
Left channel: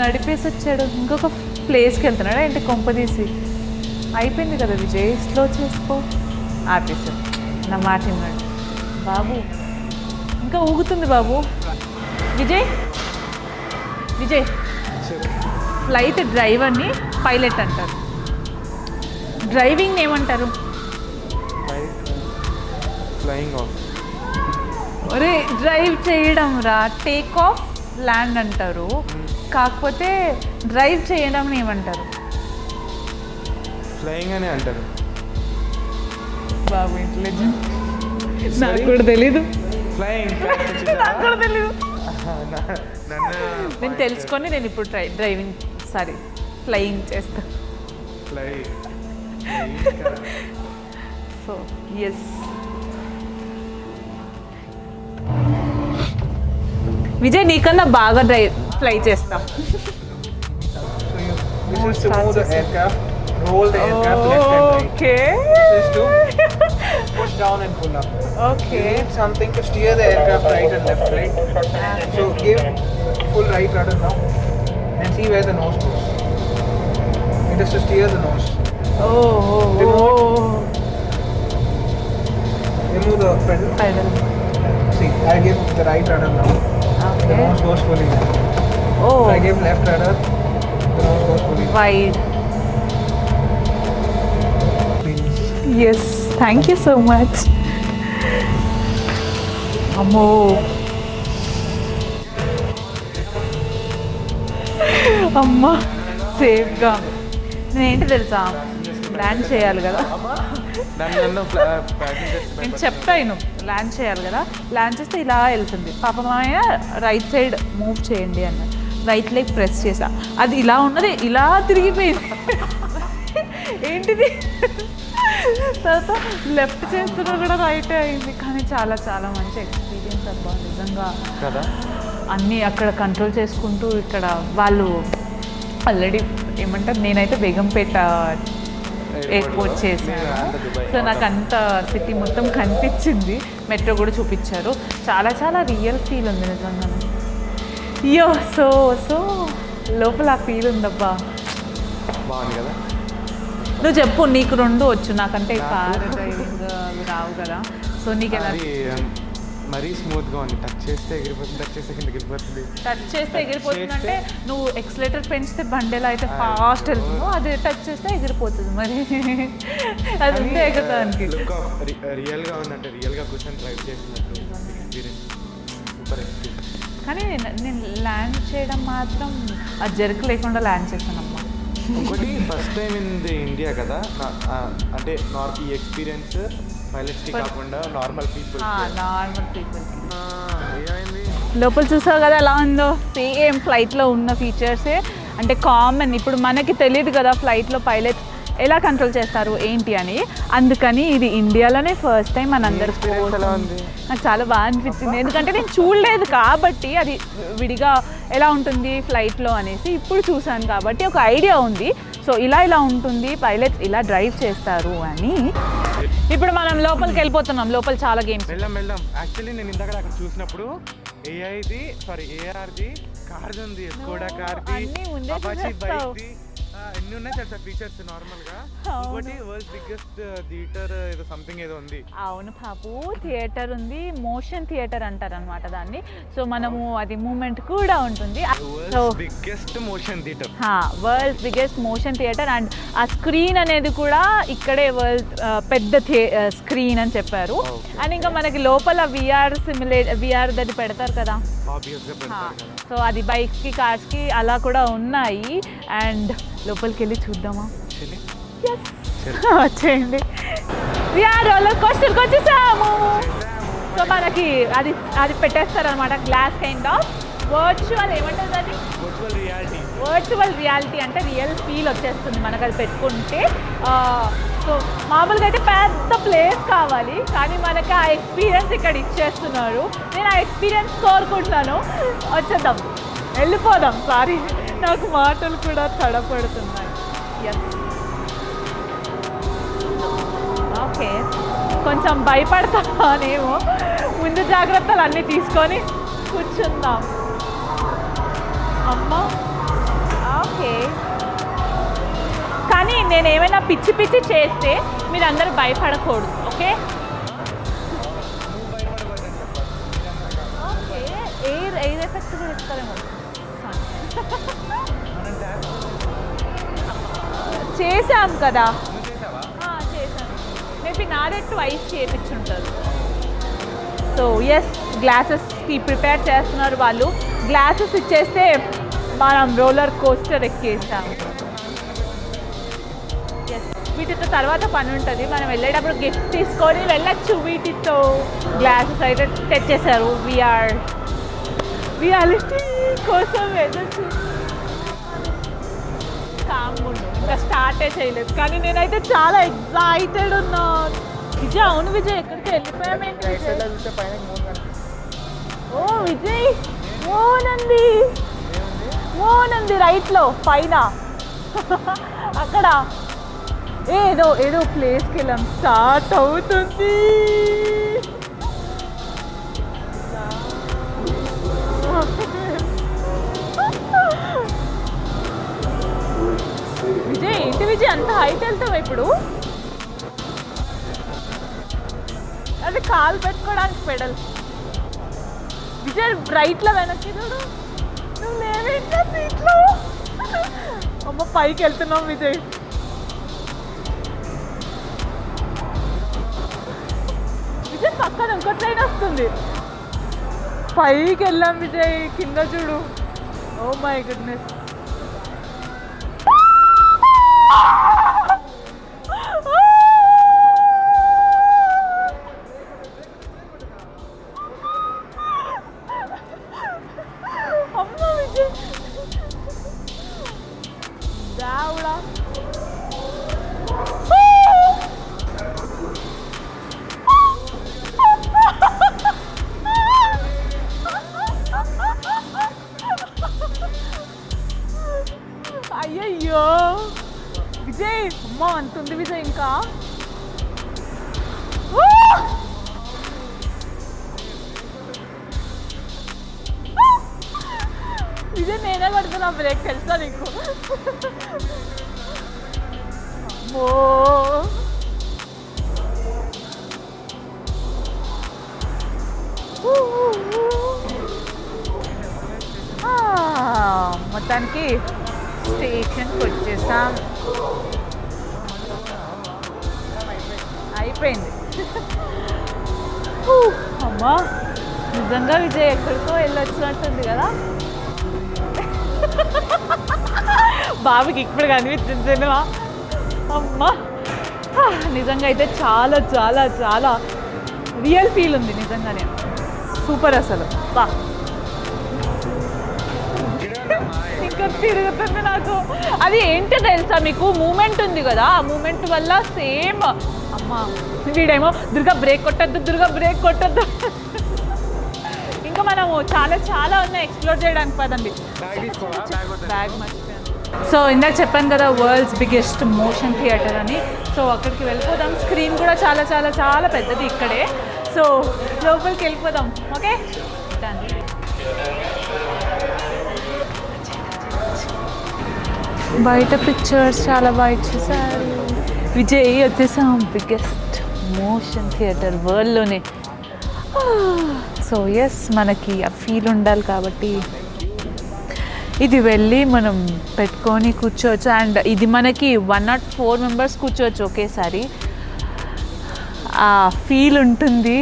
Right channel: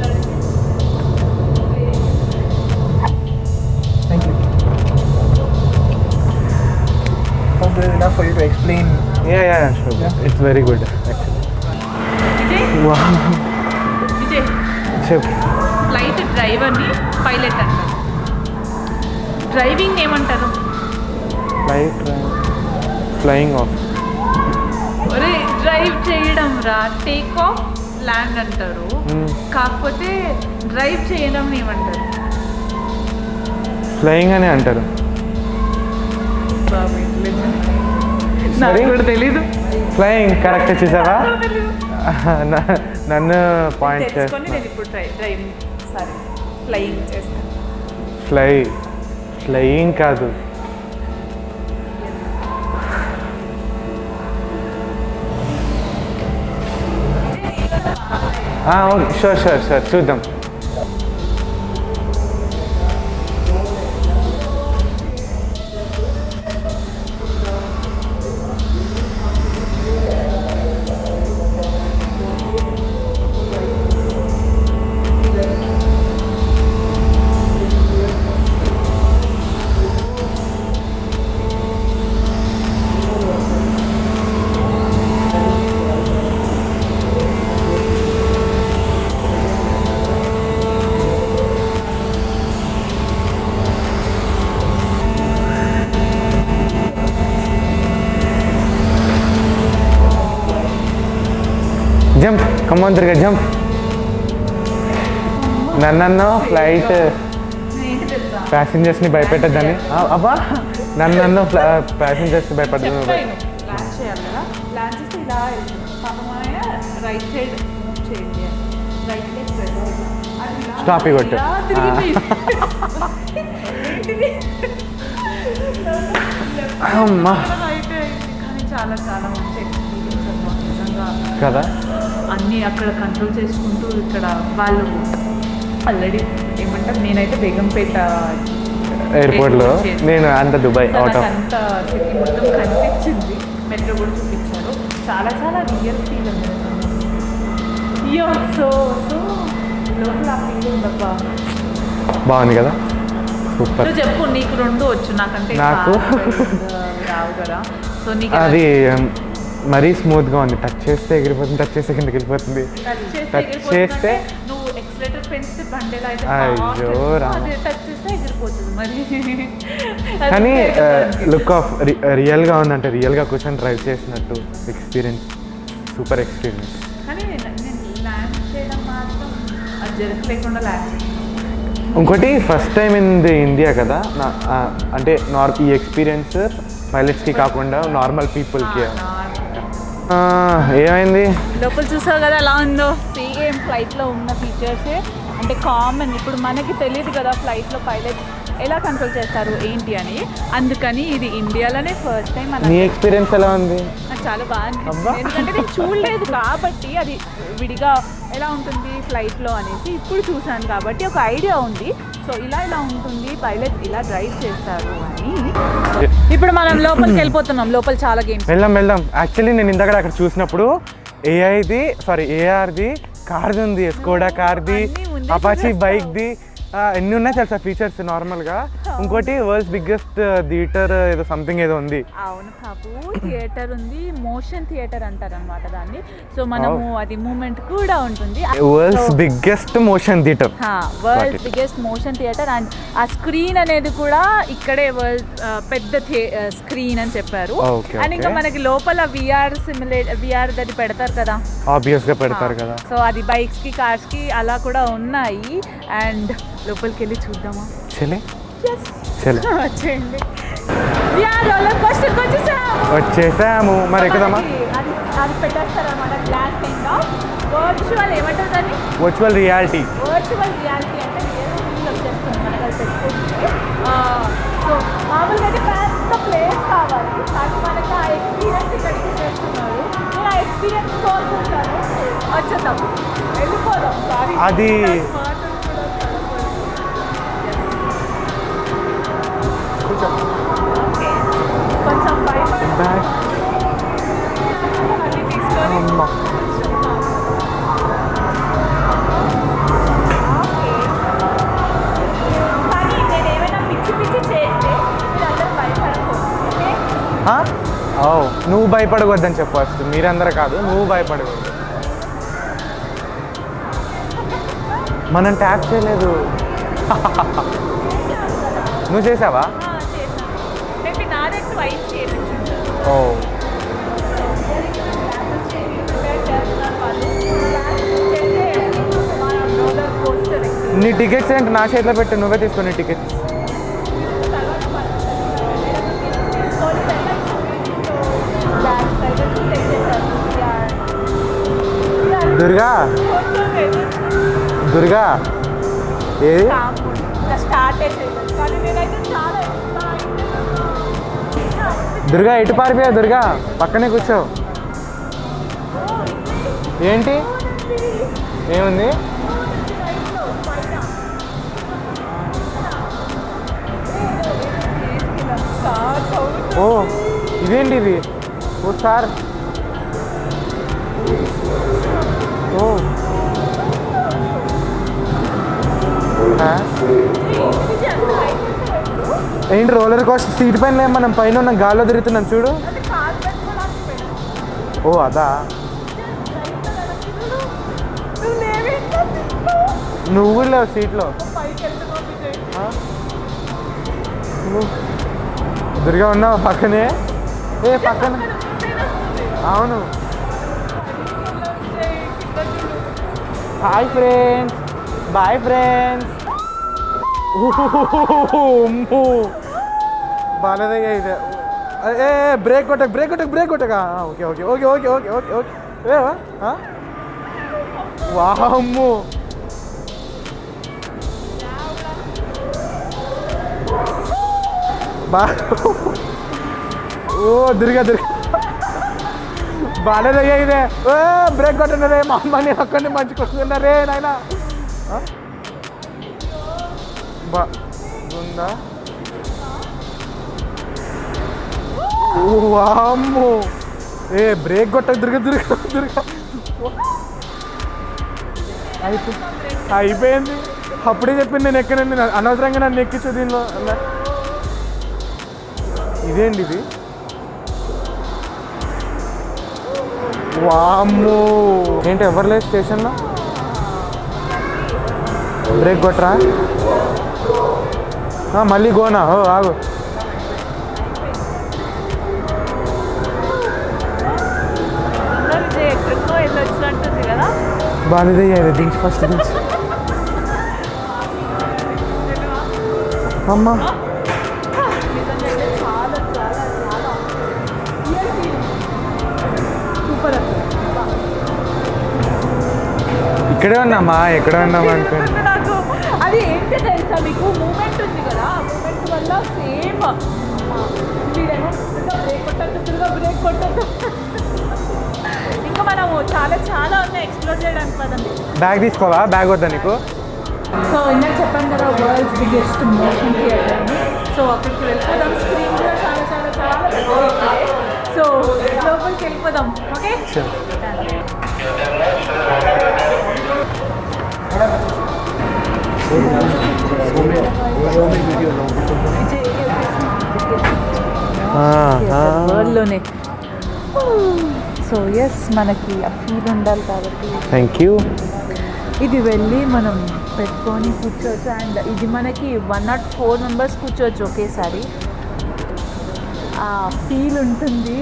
నడిపేసి వచ్చాడు, ఇంకొక ప్లేస్కి వెళ్తున్నాడు. ఏంటి కొంప తీసి అయిపోయింది కదా విజయ్, స్లో చూసుకో. ఆపేసి enough for you to explain. It's very good. ఊగుతుంది బాబు. విజయ్ విజయ్ చెప్పు. ఫ్లైట్ డ్రైవర్ని పైలట్ అంటారు, డ్రైవింగ్ ఏమంటారు? Flying of. ఒరే డ్రైవ్ చేయడం రా, టేక్ ఆఫ్ ల్యాండ్ అంటారు, కాకపోతే డ్రైవ్ చేయడం ఏమంటారు? ఫ్లయింగ్ అని అంటారు. నాకు కూడా తెలీదు. ఫ్లయింగ్ కరెక్ట్ చూసావా? నన్ను పాయింట్ తెలుసుకొని నేను ఇప్పుడు డ్రైవింగ్ సారీ ఫ్లయింగ్ చేస్తాను. ఫ్లయింగ్ కాదు. సో ఎస్ విజయ్ నీకన్నా బాగా ఫ్లై చేస్తాను. షూర్ చూద్దాం. This is to move the aircraft, roll the aircraft left and right. Okay This is to push down and pull up. Okay Something to steer the aircraft right and left, right? So give full right rudder now and see where the nose is. It is to steer the nose. Remove the pedal. See, I give the right rudder now. Nose goes fully left. I give left rudder. Nose goes fully left. Five. Yes thank you so much. అమ్మో jump, come on Durga jump. అమ్మా నన్ను flight నేనేంటి తెలుసా passengers ని భయపెట్టద్దని. చేయాలి కదా. అబ్బా నన్ను ప్యాసింజర్స్ భయపెట్టద్దని. చెప్పాను ల్యాండ్ చేయాలి కదా, ల్యాండ్ చేస్తే ఇలా వెళ్తుంది. పాపం ఆయన రైట్ సైడ్ మూవ్ చేయండి అని రైట్ లెగ్ ప్రెస్ చేసా, అది ఇలా ఉన్నది Stop it. ఇలా తిరిగిపోయింది. ఏంటిది లెఫ్ట్ అమ్మా. రైట్ అయింది కానీ చాలా చాలా మంచి ఎక్స్పీరియన్స్ అన్నమాట నిజంగా. కదా అన్నీ అక్కడ కంట్రోల్ చేసుకుంటూ ఇక్కడ వాళ్ళు ఆల్రెడీ ఏమంటారు, నేనైతే బేగంపేట ఎయిర్పోర్ట్లో airport చేశాను. నేను అంత దుబాయ్ సో అవుట్ నాకు ఆఫ్ అంత సిటీ మొత్తం కనిపించింది, మెట్రో కూడా చూపించారు. చాలా చాలా రియల్ ఫీల్ ఉంది నిజంగా. అయ్యో సో సో లోపల ఆ ఫీల్ ఉందప్పా. బాగుంది కదా సూపర్. నువ్వు చెప్పు, నీకు రెండు వచ్చు, నాకంటే నాకు? రావు కదా. సో నీకు అది మరీ స్మూత్గా ఉంది, టచ్ చేస్తే ఎగిరిపోతుంది, టచ్ చేస్తే కిందకి వెళ్ళిపోతుంది. టచ్ చేస్తే touch ఎగిరిపోతుంది చేస్తే అంటే నువ్వు ఎక్సలేటర్ పెంచితే బండెలా అయితే అయ్యో ఫాస్ట్ రా. అది టచ్ చేస్తే ఎగిరిపోతుంది మరి. కానీ అందుకే ఎగిరిపోతుంది. లుక్ ఆఫ్ రియల్గా ఉందంటే రియల్గా కూర్చొని డ్రైవ్ చేసినట్టు ఎక్స్పీరియన్స్, సూపర్ ఎక్స్పీరియన్స్. కానీ నేను ల్యాండ్ చేయడం మాత్రం అది జరగ లేకుండా ల్యాండ్ చేసాను. ఇంకోటి first time in the India కదా అంటే ఈ ఎక్స్పీరియన్స్ పైలట్స్కి కాకుండా నార్మల్ పీపుల్కి. ఏమైంది లోపల చూసావు కదా ఎలా ఉందో, సేమ్ ఫ్లైట్లో ఉన్న ఫీచర్సే అంటే కామన్. ఇప్పుడు మనకి తెలియదు కదా ఫ్లైట్లో పైలట్స్ ఎలా కంట్రోల్ చేస్తారు ఏంటి అని, అందుకని ఇది ఇండియాలోనే ఫస్ట్ టైం మన నీ ఎక్స్పీరియన్స్ ఎలా ఉంది? నాకు చాలా బాగా అనిపించింది, ఎందుకంటే నేను చూడలేదు కాబట్టి అది విడిగా ఎలా ఉంటుంది ఫ్లైట్లో అనేసి ఇప్పుడు చూశాను కాబట్టి ఒక ఐడియా ఉంది. సో ఇలా ఇలా ఉంటుంది, పైలట్స్ ఇలా డ్రైవ్ చేస్తారు అని. ఇప్పుడు మనం లోపలికి వెళ్ళిపోతున్నాం, లోపల చాలా గేమ్స్. వెళ్దాం. యాక్చువల్లీ నేను ఇందాక అక్కడ చూసినప్పుడు ఏఆర్ది కార్ది ఉంది, స్కోడా కార్ది, అపాచీ బైక్ది, ఎన్ని ఉన్నాయి తెలుసా ఫీచర్స్ నార్మల్గా. ఇంకోటి వరల్డ్స్ బిగ్గెస్ట్ థియేటర్ ఏదో సంథింగ్ ఏదో ఉంది. అవును బాబు, థియేటర్ ఉంది, మోషన్ థియేటర్ అంటారు అనమాట దాన్ని. సో మనము అది మూమెంట్ కూడా ఉంటుంది. World's biggest motion theatre. World's biggest motion theatre. And ఆ స్క్రీన్ అనేది కూడా ఇక్కడే పెద్ద స్క్రీన్ అని చెప్పారు. అండ్ ఇంకా మనకి లోపల విఆర్ అది పెడతారు కదా, ఆబ్వియస్గా పెడతారు కదా. సో అది బైక్స్ కి కార్స్ కి అలా కూడా ఉన్నాయి. అండ్ లోపలికి వెళ్ళి చూద్దామా? వచ్చేయండి. వచ్చేసాము. మరి ఎక్కడమ్మా? అది పెట్టేస్తారు అనమాట గ్లాస్ కింద. వర్చువల్ ఏమంటారు దాన్ని? Virtual reality. వర్చువల్ రియాలిటీ అంటే రియల్ ఫీల్ వచ్చేస్తుంది మనకు అది పెట్టుకుంటే. సో మామూలుగా అయితే పెద్ద ప్లేస్ కావాలి, కానీ మనకి ఆ ఎక్స్పీరియన్స్ ఇక్కడ ఇచ్చేస్తున్నారు. నేను ఆ ఎక్స్పీరియన్స్ కోరుకుంటాను. వచ్చేద్దాం, వెళ్ళిపోదాం. సారీ, అది మాటలు కూడా తడపడుతుంది. ఓకే, కొంచెం భయపడుతున్నానేమో, ముందు జాగ్రత్తలు అన్నీ తీసుకొని కూర్చున్నాను. ఓకే, కానీ నేను ఏమైనా పిచ్చి పిచ్చి చేస్తే మీరందరూ భయపడకూడదు. ఓకే, నువ్వు భయపడవద్దని చెప్పవచ్చు. మీరందరూ కాదు, నువ్వు భయపడవద్దు. మనం ట్యాప్ చేయలేదు. చేసాం కదా. నువ్వు చేసావా? అయితే నాదైతే వైఫ్ చేయించుంటారు. ఓ సో ఎస్, గ్లాసెస్ ప్రిపేర్ చేస్తున్నారు వాళ్ళు. గ్లాసెస్ ఇచ్చేస్తే మనం రోలర్ కోస్టర్ ఎక్కి. నీ టికెట్స్ ఏంటి నా చేతిలో పెట్టి నువ్వే తీసుకుని టికెట్స్. వీటితో తర్వాత పని ఉంటుంది, మనం వెళ్ళేటప్పుడు గిఫ్ట్ తీసుకొని వెళ్ళచ్చు. వీటితో గ్లాస్ అయితే తెచ్చేసారు. దుర్గా దుర్గా ఏది స్టార్ట్ చేయలేదు, కానీ నేనైతే చాలా ఎక్సైటెడ్ ఉన్నాను. దుర్గా ఎటు పారిపోయావు? దుర్గా పక్కనే కూర్చో. ఓ విజయ్, ఏంటి ఓనంది ఏముంది? ఓనంది రైట్లో పైన అక్కడ ఏదో ఏదో ప్లేస్కి వెళ్ళాం. స్టార్ట్ ఓ అవుతుంది. ఇదేంటి ఇది? ఓ సార్, ఓ విజయ్ అంత హైట్ వెళ్తావు ఇప్పుడు. ఏంటి రోలర్ కోస్టర్ సీట్ పైన మనం పైన ఉన్న గాల్లో తిరుగుతున్నాం చూడు. అది కాలు పెట్టుకోవడానికి పెడల్. ఓ అదా? విజయ్ రైట్లో వెనక్కి సీట్లో. నువ్వు లేవు సీట్లో. పైకి వెళ్తున్నావు విజయ్. దుర్గా ఉన్నావు పక్కనే. ఏ పక్కన వస్తుంది. అవును, పైకి వెళ్ళాం విజయ్, కింద చూడు. Hi friends, bye friends. బాగాలేదే ఇది. ఏ బ్రేక్ కొట్టక. Okay okay okay okay okay okay okay. వామ్మో, బా ఓ దుర్గా బాగానే ఇదే బ్రేక్ కొట్టినరే మా అమ్మ నేను ఒక్కడిని మంచుకుంటున్నారే నాయన అయ్యయ్యో బా విజయ్ బాగుంటుంది విజయ్ ఇంకా వామ్మో ఏ బ్రేక్ కొట్ట దుర్గా విజయ్ నేనే పట్టుకున్నా బ్రేక్ అయిపోయింది అప్పుడే చెప్పింది నేను ఎక్కడండి అనవసరంగా నన్ను ఎక్కించు దీనిలో ఇదేంటి ఇది వామ్మో ఏంటి ఎవరు లేదు స్టేషన్లో మొత్తానికి బ్రేక్ కొట్టరా మళ్ళీ గోనా ఓ ఆగు అయిపోయింది అమ్మా నిజంగా విజయ్ ఎక్కడికో వెళ్ళి వచ్చినట్టుంది కదా బాగానే దించి ఫస్ట్ దించి బాబుకి ఇప్పుడు కనిపిస్తుంది అమ్మ నిజంగా అయితే చాలా చాలా చాలా రియల్ ఫీల్ ఉంది నిజంగానే సూపర్ అసలు బా ఇక్కడే ఉన్నామా ఎక్కడే ఉన్నామా అంటే అంటే నాకు అది ఏంటో తెలుసా మీకు మూమెంట్ ఉంది కదా ఆ మూమెంట్ వల్ల సేమ్ అమ్మా వీడేమో దుర్గా బ్రేక్ కొట్టద్దు ఇంకా మనము చాలా చాలా ఉన్నాయి ఎక్స్ప్లోర్ చేయడానికి పదండి. బ్యాగ్ తీసుకోవా బ్యాగ్ వద్దా నీకు సో ఇందాక చెప్పాను కదా వరల్డ్స్ బిగ్గెస్ట్ మోషన్ థియేటర్ అని. సో అక్కడికి వెళ్ళిపోదాం. స్క్రీన్ కూడా చాలా చాలా చాలా పెద్దది ఇక్కడే. సో లోపలికి వెళ్ళిపోదాం. ఓకే బయట పిక్చర్స్ చాలా బాగా విజయ్ వచ్చేసాం వరల్డ్లోనే. సో ఎస్ మనకి ఆ ఫీల్ ఉండాలి కాబట్టి థ్యాంక్ యూ ఇది వెళ్ళి మనం పెట్టుకొని కూర్చోవచ్చు. అండ్ ఇది మనకి 104 మెంబర్స్ కూర్చోవచ్చు ఒకేసారి. ఆ ఫీల్ ఉంటుంది.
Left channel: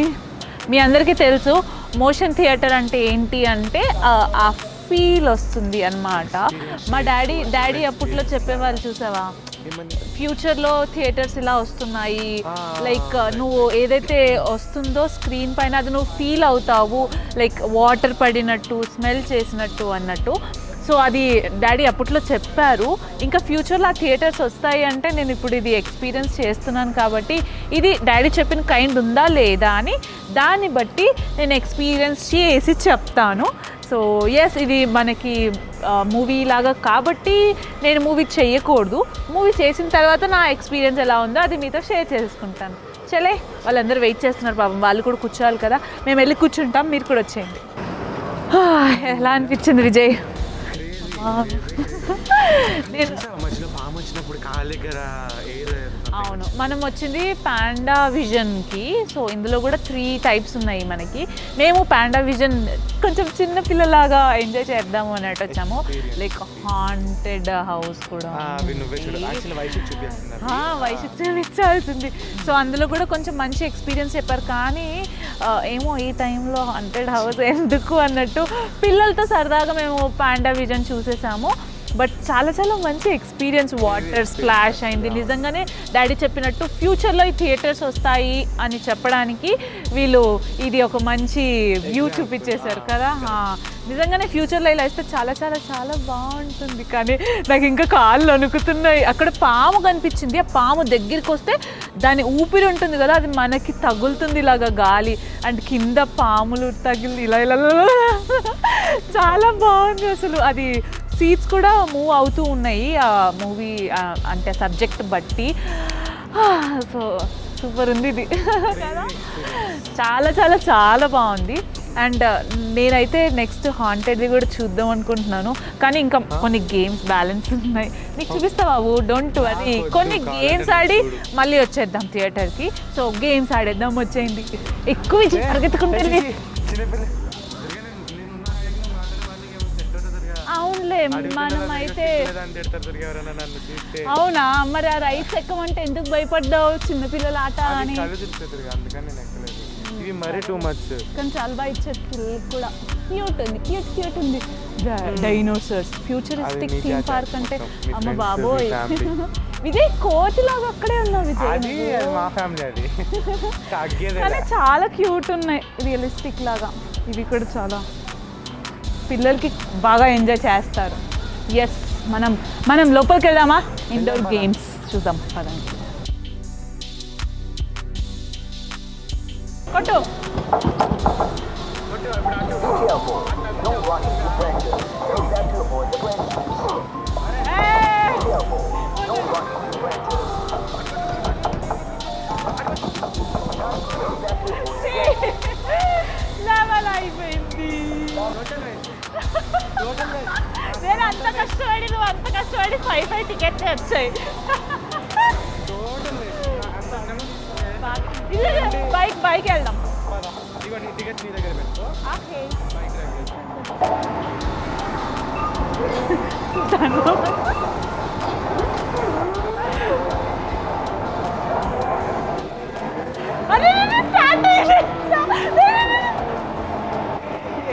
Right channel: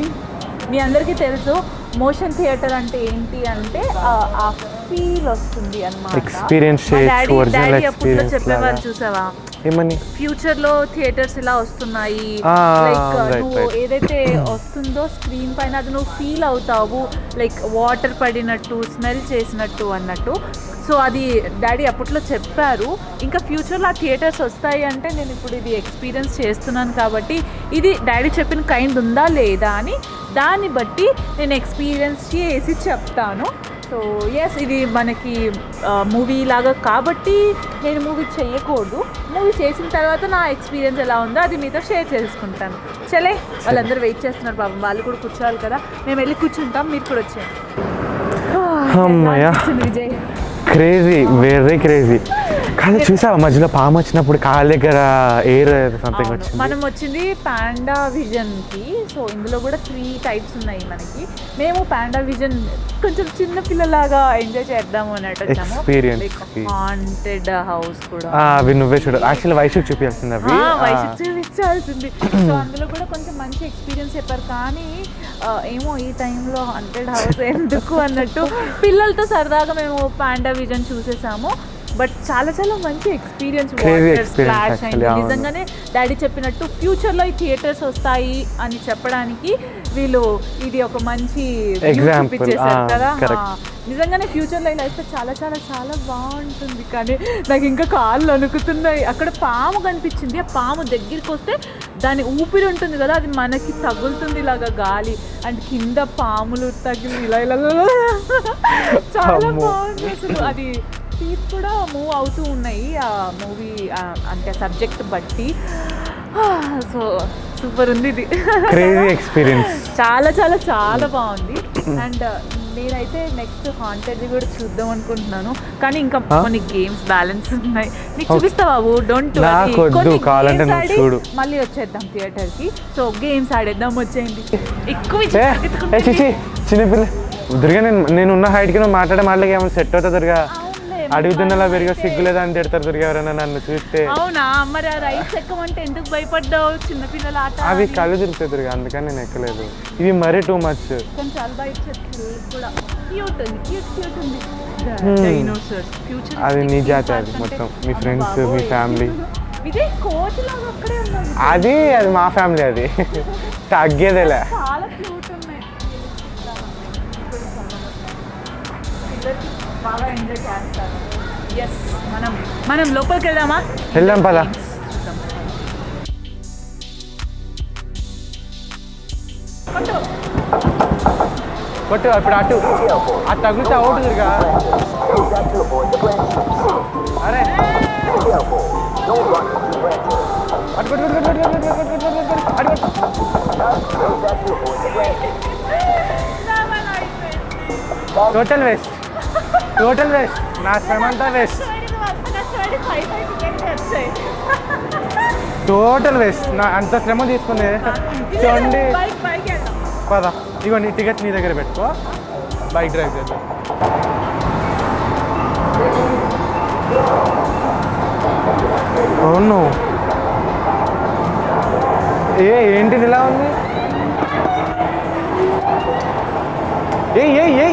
మీ అందరికీ తెలుసు మోషన్ థియేటర్ అంటే ఏంటి అంటే ఆ ఫీల్ వస్తుంది అన్నమాట. డాడీ అప్పట్లో చెప్పేవాళ్ళు చూసావా ఏమని ఫ్యూచర్లో థియేటర్స్ ఇలా వస్తున్నాయి లైక్ నువ్వు ఏదైతే వస్తుందో స్క్రీన్ పైన అది నువ్వు ఫీల్ అవుతావు లైక్ వాటర్ పడినట్టు స్మెల్ చేసినట్టు అన్నట్టు. సో అది డాడీ అప్పట్లో చెప్పారు. ఇంకా ఫ్యూచర్లో ఆ థియేటర్స్ వస్తాయి అంటే నేను ఇప్పుడు ఇది ఎక్స్పీరియన్స్ చేస్తున్నాను కాబట్టి ఇది డాడీ చెప్పిన కైండ్ ఉందా లేదా అని దాన్ని బట్టి నేను ఎక్స్పీరియన్స్ చేసి చెప్తాను. సో ఎస్ ఇది మనకి మూవీ లాగా కాబట్టి నేను మూవీ చేయకూడదు. మూవీ చేసిన తర్వాత నా ఎక్స్పీరియన్స్ ఎలా ఉందో అది మీతో షేర్ చేసుకుంటాను. చలే వాళ్ళందరూ వెయిట్ చేస్తున్నారు పాపం, వాళ్ళు కూడా కూర్చోవాలి కదా. మేము వెళ్ళి కూర్చుంటాం, మీరు కూడా వచ్చేయండి. అనిపించింది విజయ్ క్రేజీ వెరీ క్రేజీ. కానీ చూసావా మధ్యలో పాము వచ్చినప్పుడు కాళ్ళ దగ్గర ఎయిర్ సంథింగ్ వచ్చింది. మనం వచ్చింది పాండా విజన్కి. సో ఇందులో కూడా 3 టైప్స్ ఉన్నాయి మనకి. మేము పాండా విజన్ కొంచెం చిన్న పిల్లలాగా ఎంజాయ్ చేద్దాము అన్నట్టు వచ్చాము. హాంటెడ్ హౌస్ కూడా అవి నువ్వే చూడ యాక్చువల్లీ వైషుకి చూపించాల్సింది అవి వైషుకి చూపించాల్సింది. సో అందులో కూడా కొంచెం మంచి ఎక్స్పీరియన్స్ చెప్పారు. కానీ ఏమో ఈ టైంలో 100 హవర్స్ ఎందుకు అన్నట్టు పిల్లలతో సరదాగా మేము పాండా విజన్ చూసేసాము. బట్ చాలా చాలా మంచి ఎక్స్పీరియన్స్. వాటర్ స్ప్లాష్ అయింది. నిజంగానే డాడీ చెప్పినట్టు ఫ్యూచర్లో ఈ థియేటర్స్ వస్తాయి అని చెప్పడానికి వీళ్ళు ఇది ఒక మంచి వ్యూ చూపించేశారు కదా. నిజంగానే ఫ్యూచర్లో ఇలా అయితే చాలా చాలా చాలా బాగుంటుంది. కానీ నాకు ఇంకా కాళ్ళు వణుకుతున్నాయి. అక్కడ పాము కనిపించింది. ఆ పాము దగ్గరికి వస్తే దాని ఊపిరి ఉంటుంది కదా, అది మనకి తగులుతుంది ఇలాగా గాలి. అండ్ కింద పాములు తగిలి ఇలా ఇలా చాలా బాగుంది అసలు. అది సీట్స్ కూడా మూవ్ అవుతూ ఉన్నాయి ఆ మూవీ అంటే సబ్జెక్ట్ బట్టి. సో సూపర్ ఉంది ఇది. Crazy experience. చాలా చాలా చాలా బాగుంది. అండ్ నేనైతే నెక్స్ట్ హాంటెడ్ది కూడా చూద్దాం అనుకుంటున్నాను. కానీ ఇంకా కొన్ని గేమ్స్ బ్యాలెన్స్ ఉన్నాయి. నీకు చూపిస్తావా? డోంట్ కొన్ని గేమ్స్ ఆడి మళ్ళీ వచ్చేద్దాం థియేటర్కి. సో గేమ్స్ ఆడేద్దాం, వచ్చేయండి. ఎక్కువ చిన్నపిల్ల దుర్గా నేను ఉన్న హైట్కి నువ్వు మాట్లాడే ఏమో సెట్ అవుతుంది దుర్గా. అడుగుతున్నా పెరిగా సిగ్గులేదా అని తిడతారు దుర్గా ఎవరైనా నన్ను చూస్తే. అవునా మరి ఆ రైట్ ఎక్కమంటే ఎందుకు భయపడ్డావు? చిన్నపిల్లల ఆట అవి కళ్ళు తిరుగుతాయి దుర్గా, అందుకని నేను ఎక్కలేదు. ఇవి మరీ టూ మచ్. చాలా బాగా ఇచ్చారు. క్యూట్ ఉంది, క్యూట్ ఉంది. డైనోసార్స్ ఫ్యూచర్ అది నీ జాతి, అది మొత్తం మీ ఫ్రెండ్స్ మీ ఫ్యామిలీ. విజయ్ కోతి లాగా అక్కడే ఉన్నావు. అది మా ఫ్యామిలీ, అది తగ్గేదేలే. చాలా క్యూట్ ఉన్నాయి, రియలిస్టిక్ లాగా. ఇది కూడా చాలా పిల్లలకి బాగా ఎంజాయ్ చేస్తారు. ఎస్ మనం లోపలికి వెళ్దామా? వెళ్దాం పద. చూద్దాం. కొట్టు కొట్టు ఇప్పుడు అటు అది తగిలితే అవుట్ తిరిగా అరే అటు టోటల్ వేస్ట్ నా శ్రమ అంతా వేస్ట్ టోటల్ వేస్ట్ నా అంత శ్రమ తీసుకునే చూడండి బైక్ వెళ్దాం పదా ఇవన్నీ టికెట్ నీ దగ్గర పెట్టుకో బైక్ డ్రైవ్ చేద్దాం అవును ఏంటిది ఇలా ఉంది ఏ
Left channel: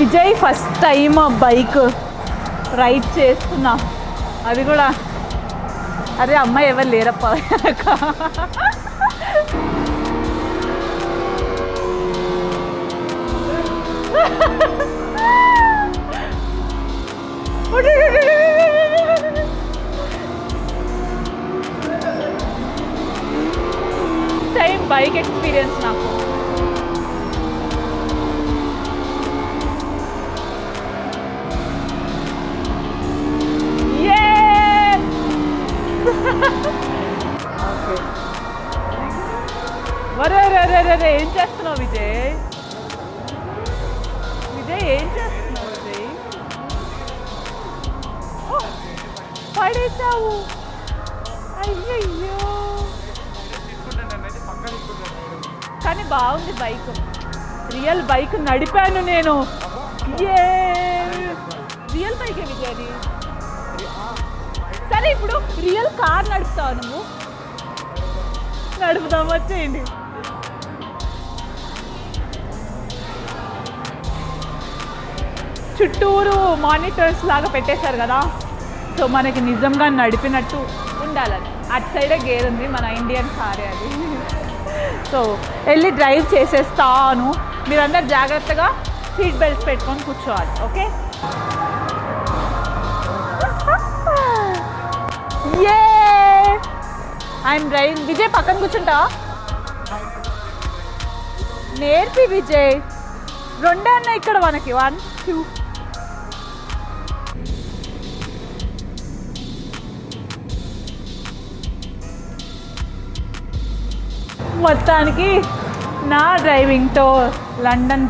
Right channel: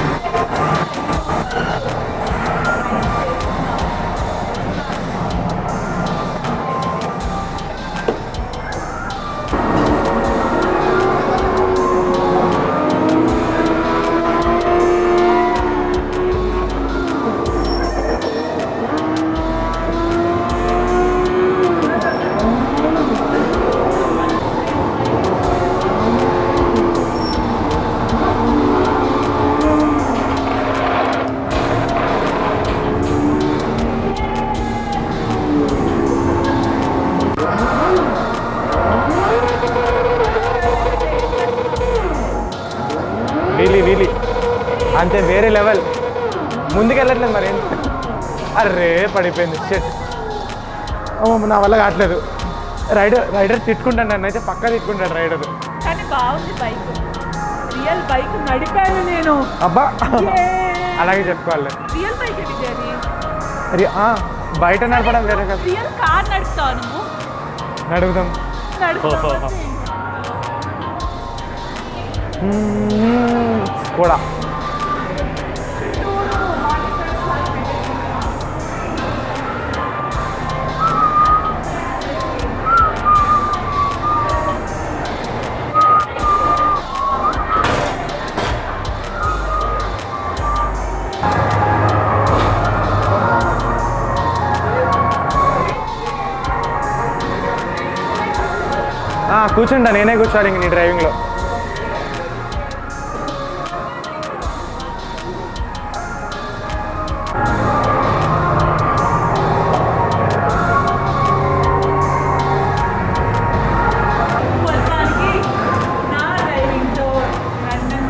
Vijay first time bike ride చేస్తున్నా అది కూడా అదే అమ్మాయి ఎవరు లేరప్ప టైం బైక్ ఎక్స్పీరియన్స్ నాకు రీలీ అంతే వేరే లెవెల్ ముందుకెళ్ళట్లేదు మరి అరే పడిపోయింది నా వల్ల కావట్లేదు రైడర్ తిట్టుకుంటాను నన్ను అయితే పక్కా తిట్టుకుంటాడు రైడర్ కానీ బాగుంది బైక్ రియల్ బైక్ నడిపాను నేను అబ్బా అలాగే చెప్పుకోవాలి రియల్ బైక్ విజయది అది బయట నడపడం వేరే కదా రియల్ కార్ నడుపుతావు నువ్వు నడుపుతాం వచ్చింది కూడా చుట్టూరు మానిటర్స్ లాగా పెట్టేశారు కదా సో మనకి నిజంగా నడిపినట్టు ఉండాలి అటు సైడే గేర్ ఉంది మన ఇండియన్ కార్ సో వెళ్ళి డ్రైవ్ చేసేస్తాను మీరందరూ జాగ్రత్తగా సీట్ బెల్ట్ పెట్టుకొని కూర్చోవాలి ఓకే అండ్ డ్రైవ్ విజయ్ పక్కన కూర్చుంటా కూర్చుంటా నేనే కూర్చోవాలి ఇంక నీ డ్రైవింగ్లో నేర్పి విజయ్ రెండే ఉన్నాయి ఇక్కడ మనకి 1 2 మొత్తానికి నా డ్రైవింగ్తో లండన్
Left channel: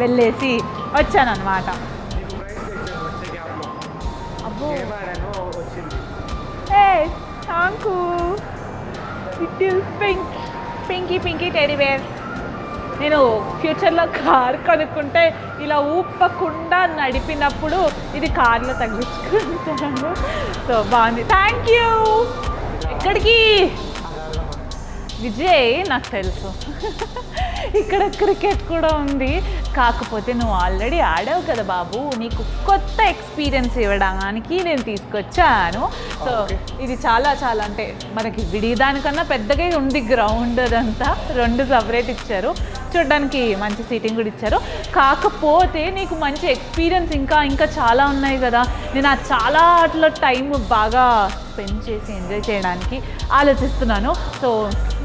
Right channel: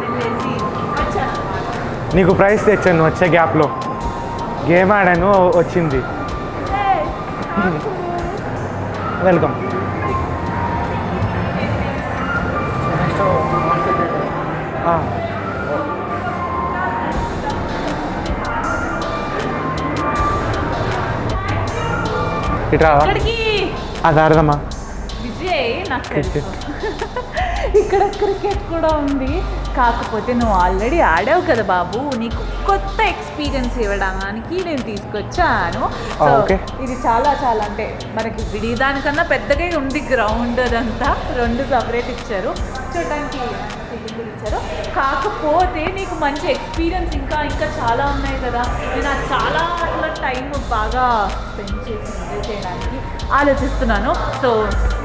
వెళ్ళేసి వచ్చానన్నమాట నీకు ప్రైజ్ తెచ్చాను వచ్చే గ్యాప్లో గేమ్ ఆడాను వచ్చింది వెల్కమ్ పింకీ టెడీవేర్ నేను ఫ్యూచర్లో కార్ కొనుక్కుంటే ఇలా ఊపకుండా నడిపినప్పుడు ఇది కార్లో తగ్గించుకుంటున్నాను సో బాగుంది థ్యాంక్ యూ ఇట్రా ఇక్కడికి అది ఆడదమ్మా విజయ్ నాకు తెలుసు ఇక్కడ క్రికెట్ కూడా ఉంది కాకపోతే నువ్వు ఆల్రెడీ ఆడావు కదా బాబు నీకు కొత్త ఎక్స్పీరియన్స్ ఇవ్వడానికి నేను తీసుకొచ్చాను సో ఇది చాలా అంటే మనకి దానికన్నా పెద్దగా ఉంది గ్రౌండ్ అదంతా 2 సపరేట్ ఇచ్చారు చూడడానికి మంచి సీటింగ్ కూడా ఇచ్చారు కాకపోతే నీకు మంచి ఎక్స్పీరియన్స్ ఇంకా చాలా ఉన్నాయి కదా నేను ఆ చాలా అట్లా టైం బాగా స్పెండ్ చేసి ఎంజాయ్ చేయడానికి ఆలోచిస్తున్నాను సో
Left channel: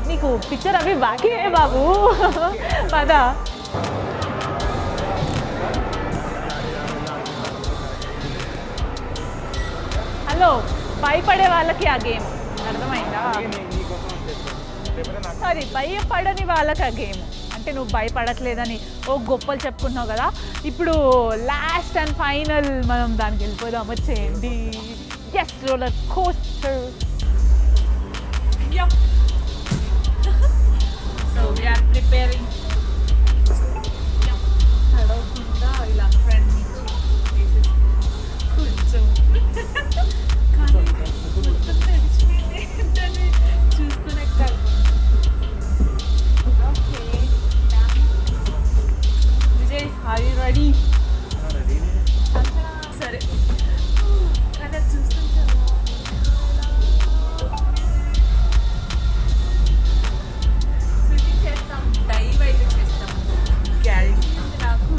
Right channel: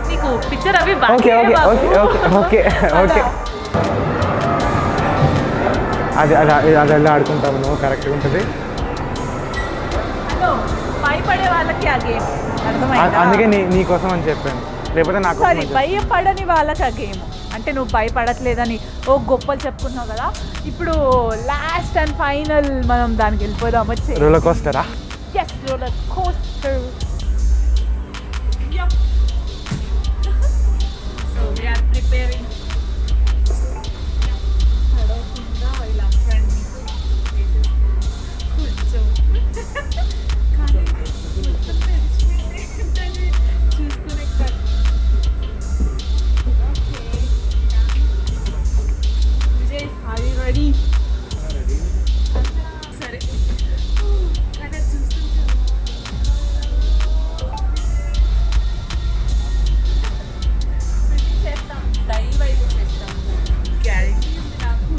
నీకు పిక్చర్ అవి ఓకే అది అలా ఆడుకుంటాము నువ్వు కరెక్ట్గా ఉంటుంది హలో భయపడే వాళ్ళకి ఆ గేమ్ అందుకే నీకోసం అని చెప్పాను లేకపోతే నాకు సారీ భయపడని వాళ్ళకి ఆ గేమ్ అంటే నువ్వు భయపడట్లేదని ఓ గొప్పలు చెప్పుకున్నావు కదా ఇప్పుడు లాస్ట్ అండ్ ఫైనల్ మనం దానికి వెళ్ళిపోదాం వచ్చి రోలర్ కోస్టరా రోలర్ కోస్టర్ ప్రిపేరింగ్ తడవకుండా ఇలా ఫ్రంట్ కొంచెం కానీ మొత్తం తెలిసిపోయింది ఏంటని చూసుకునే కాదు. Okay Vijay are you ready? సరే కానీ అది చూస్తుంటాను. చేస్తాం డైవ్ అయితే చేస్తాం గ్యారెంటీ ఉంది నాకు.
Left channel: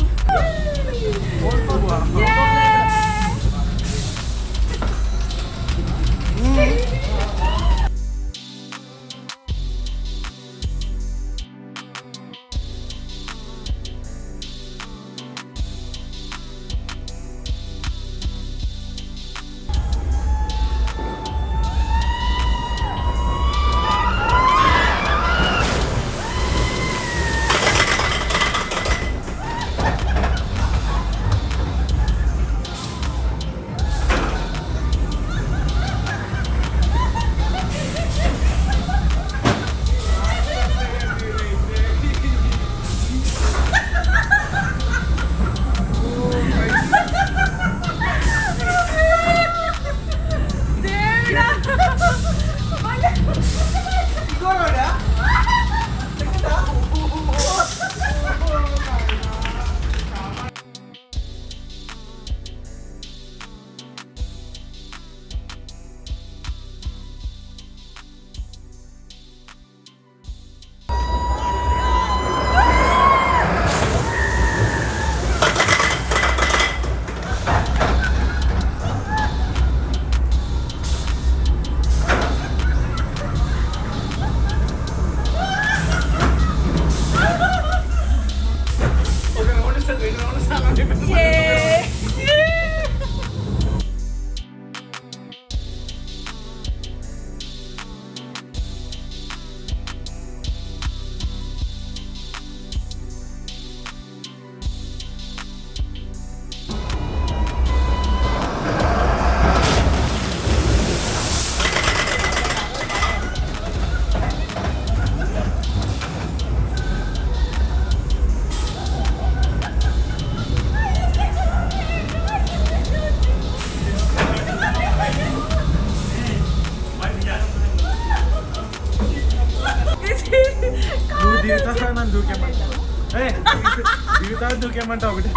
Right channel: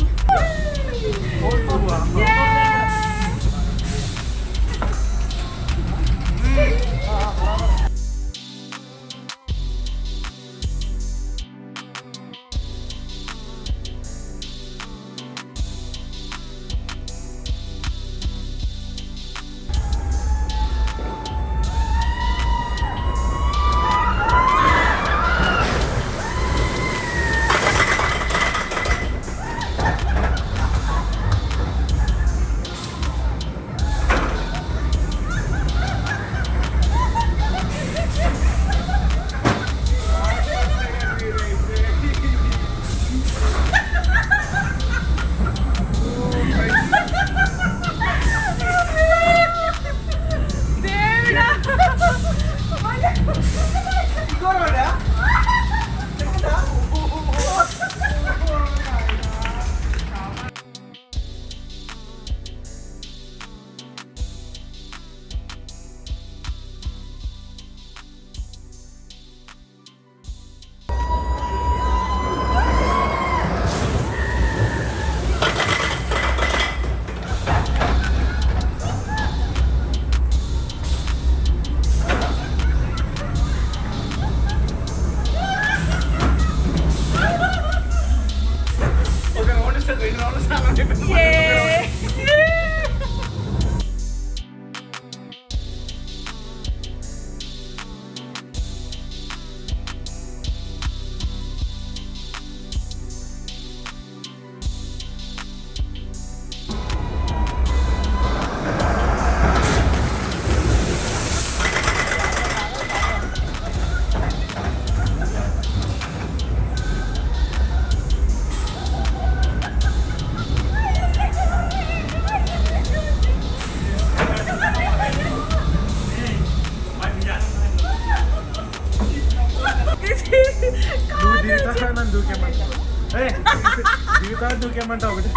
దూకేమంటావు ఒకటి.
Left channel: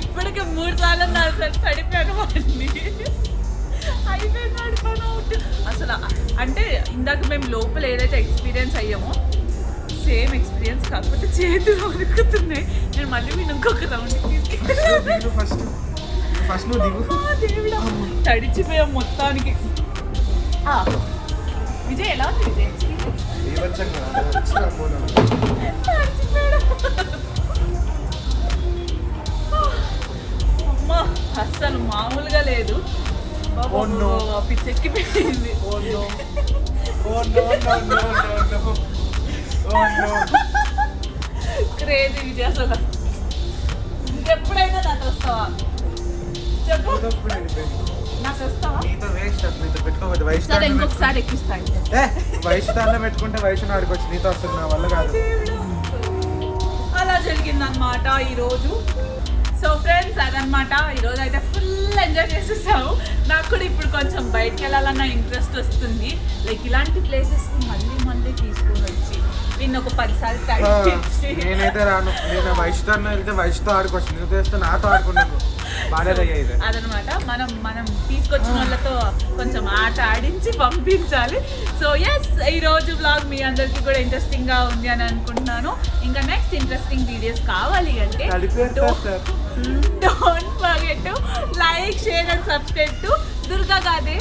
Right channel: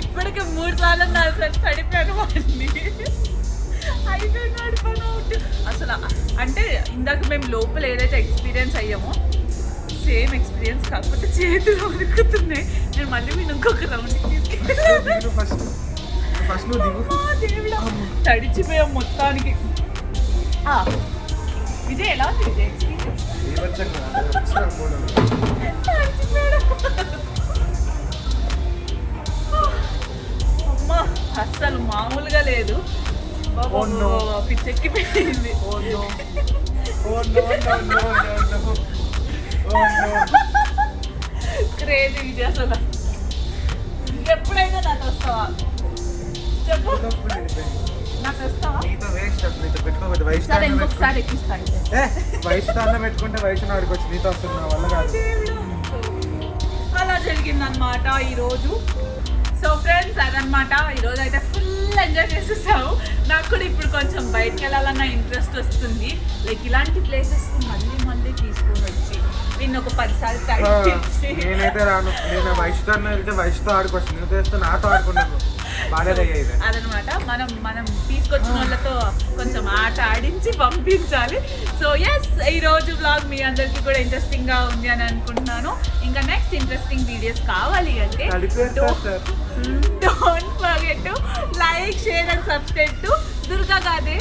ఇప్పటికే 3 సార్లు 4 సార్లు పడిపోయాను వాడిని. అయిపోయినాడు పని అవుట్. అసలు అంటే ఇందాక మేము లోపల ఏదైతే ఎక్స్పీరియన్స్ అయ్యామో సేమ్ ఎక్స్పీరియన్స్, కాకపోతే చేతులు వణుకుతున్నాయి. నేను మళ్ళీ మీరు ఇంకొక రౌండ్కి తీసుకెళ్ళి ఫస్ట్ నువ్వు దిగు. దేవుడా తడిచిపోయాం మొత్తానికి. విజయ్ ఎలా ఉంది విజయ్ ఎక్స్పీరియన్స్? అమ్మా అస్సలు మామూలుగా లేదు బాబా. పిచ్చెక్కిపోయింది. క్రేజీ విజయ్ అసలు. ఇంకెప్పుడైనా నాకు వస్తావా చెప్పు, నాకు వస్తావా? సరే ఇంకొకసారి ఎక్కిస్తాను. వయసుతానే పెట్టుకుంటే వయసు నాడికి వచ్చి నీతో వస్తుంది, నా వల్ల కాదు. అలా జరిగిందనమాట ఈరోజు. సో ఫ్రెండ్స్ అదనమాట ఈరోజు అయితే ఫుల్ ఎంజాయ్ చేసేసాము. నాకు కూడా ఇప్పుడు కొంచెం బయటకు వెళ్ళాలన్న ఇంట్రెస్ట్ వస్తుంది. లైక్ ఇలాంటి ప్లేసెస్కి మళ్ళీ మళ్ళీ తీసుకొని వచ్చి నేను ఒక 10 సార్లు తగ్గించి. నేనైతే రాను. నేను వయసుతో వెళ్తే వయసుతో ఆడుకోవచ్చు, నీతో వేస్తే నాతో ఆడుకున్నాను. అదనమాట మనం తీసుకొచ్చిన వాళ్ళతో కొంచెం ఆట ఆడించి పంపించాలి. సో ఎస్ ఈరోజు బ్లాగ్ మీ అందరికీ కూడా ఇంట్రెస్టింగ్గా ఉంది అని అనుకుంటున్నాను. ఇంకా నెక్స్ట్ ఇంట్రెస్టింగ్ వీడియోస్ కావాలి అంటే don't forget to like, share and subscribe to Durga Gade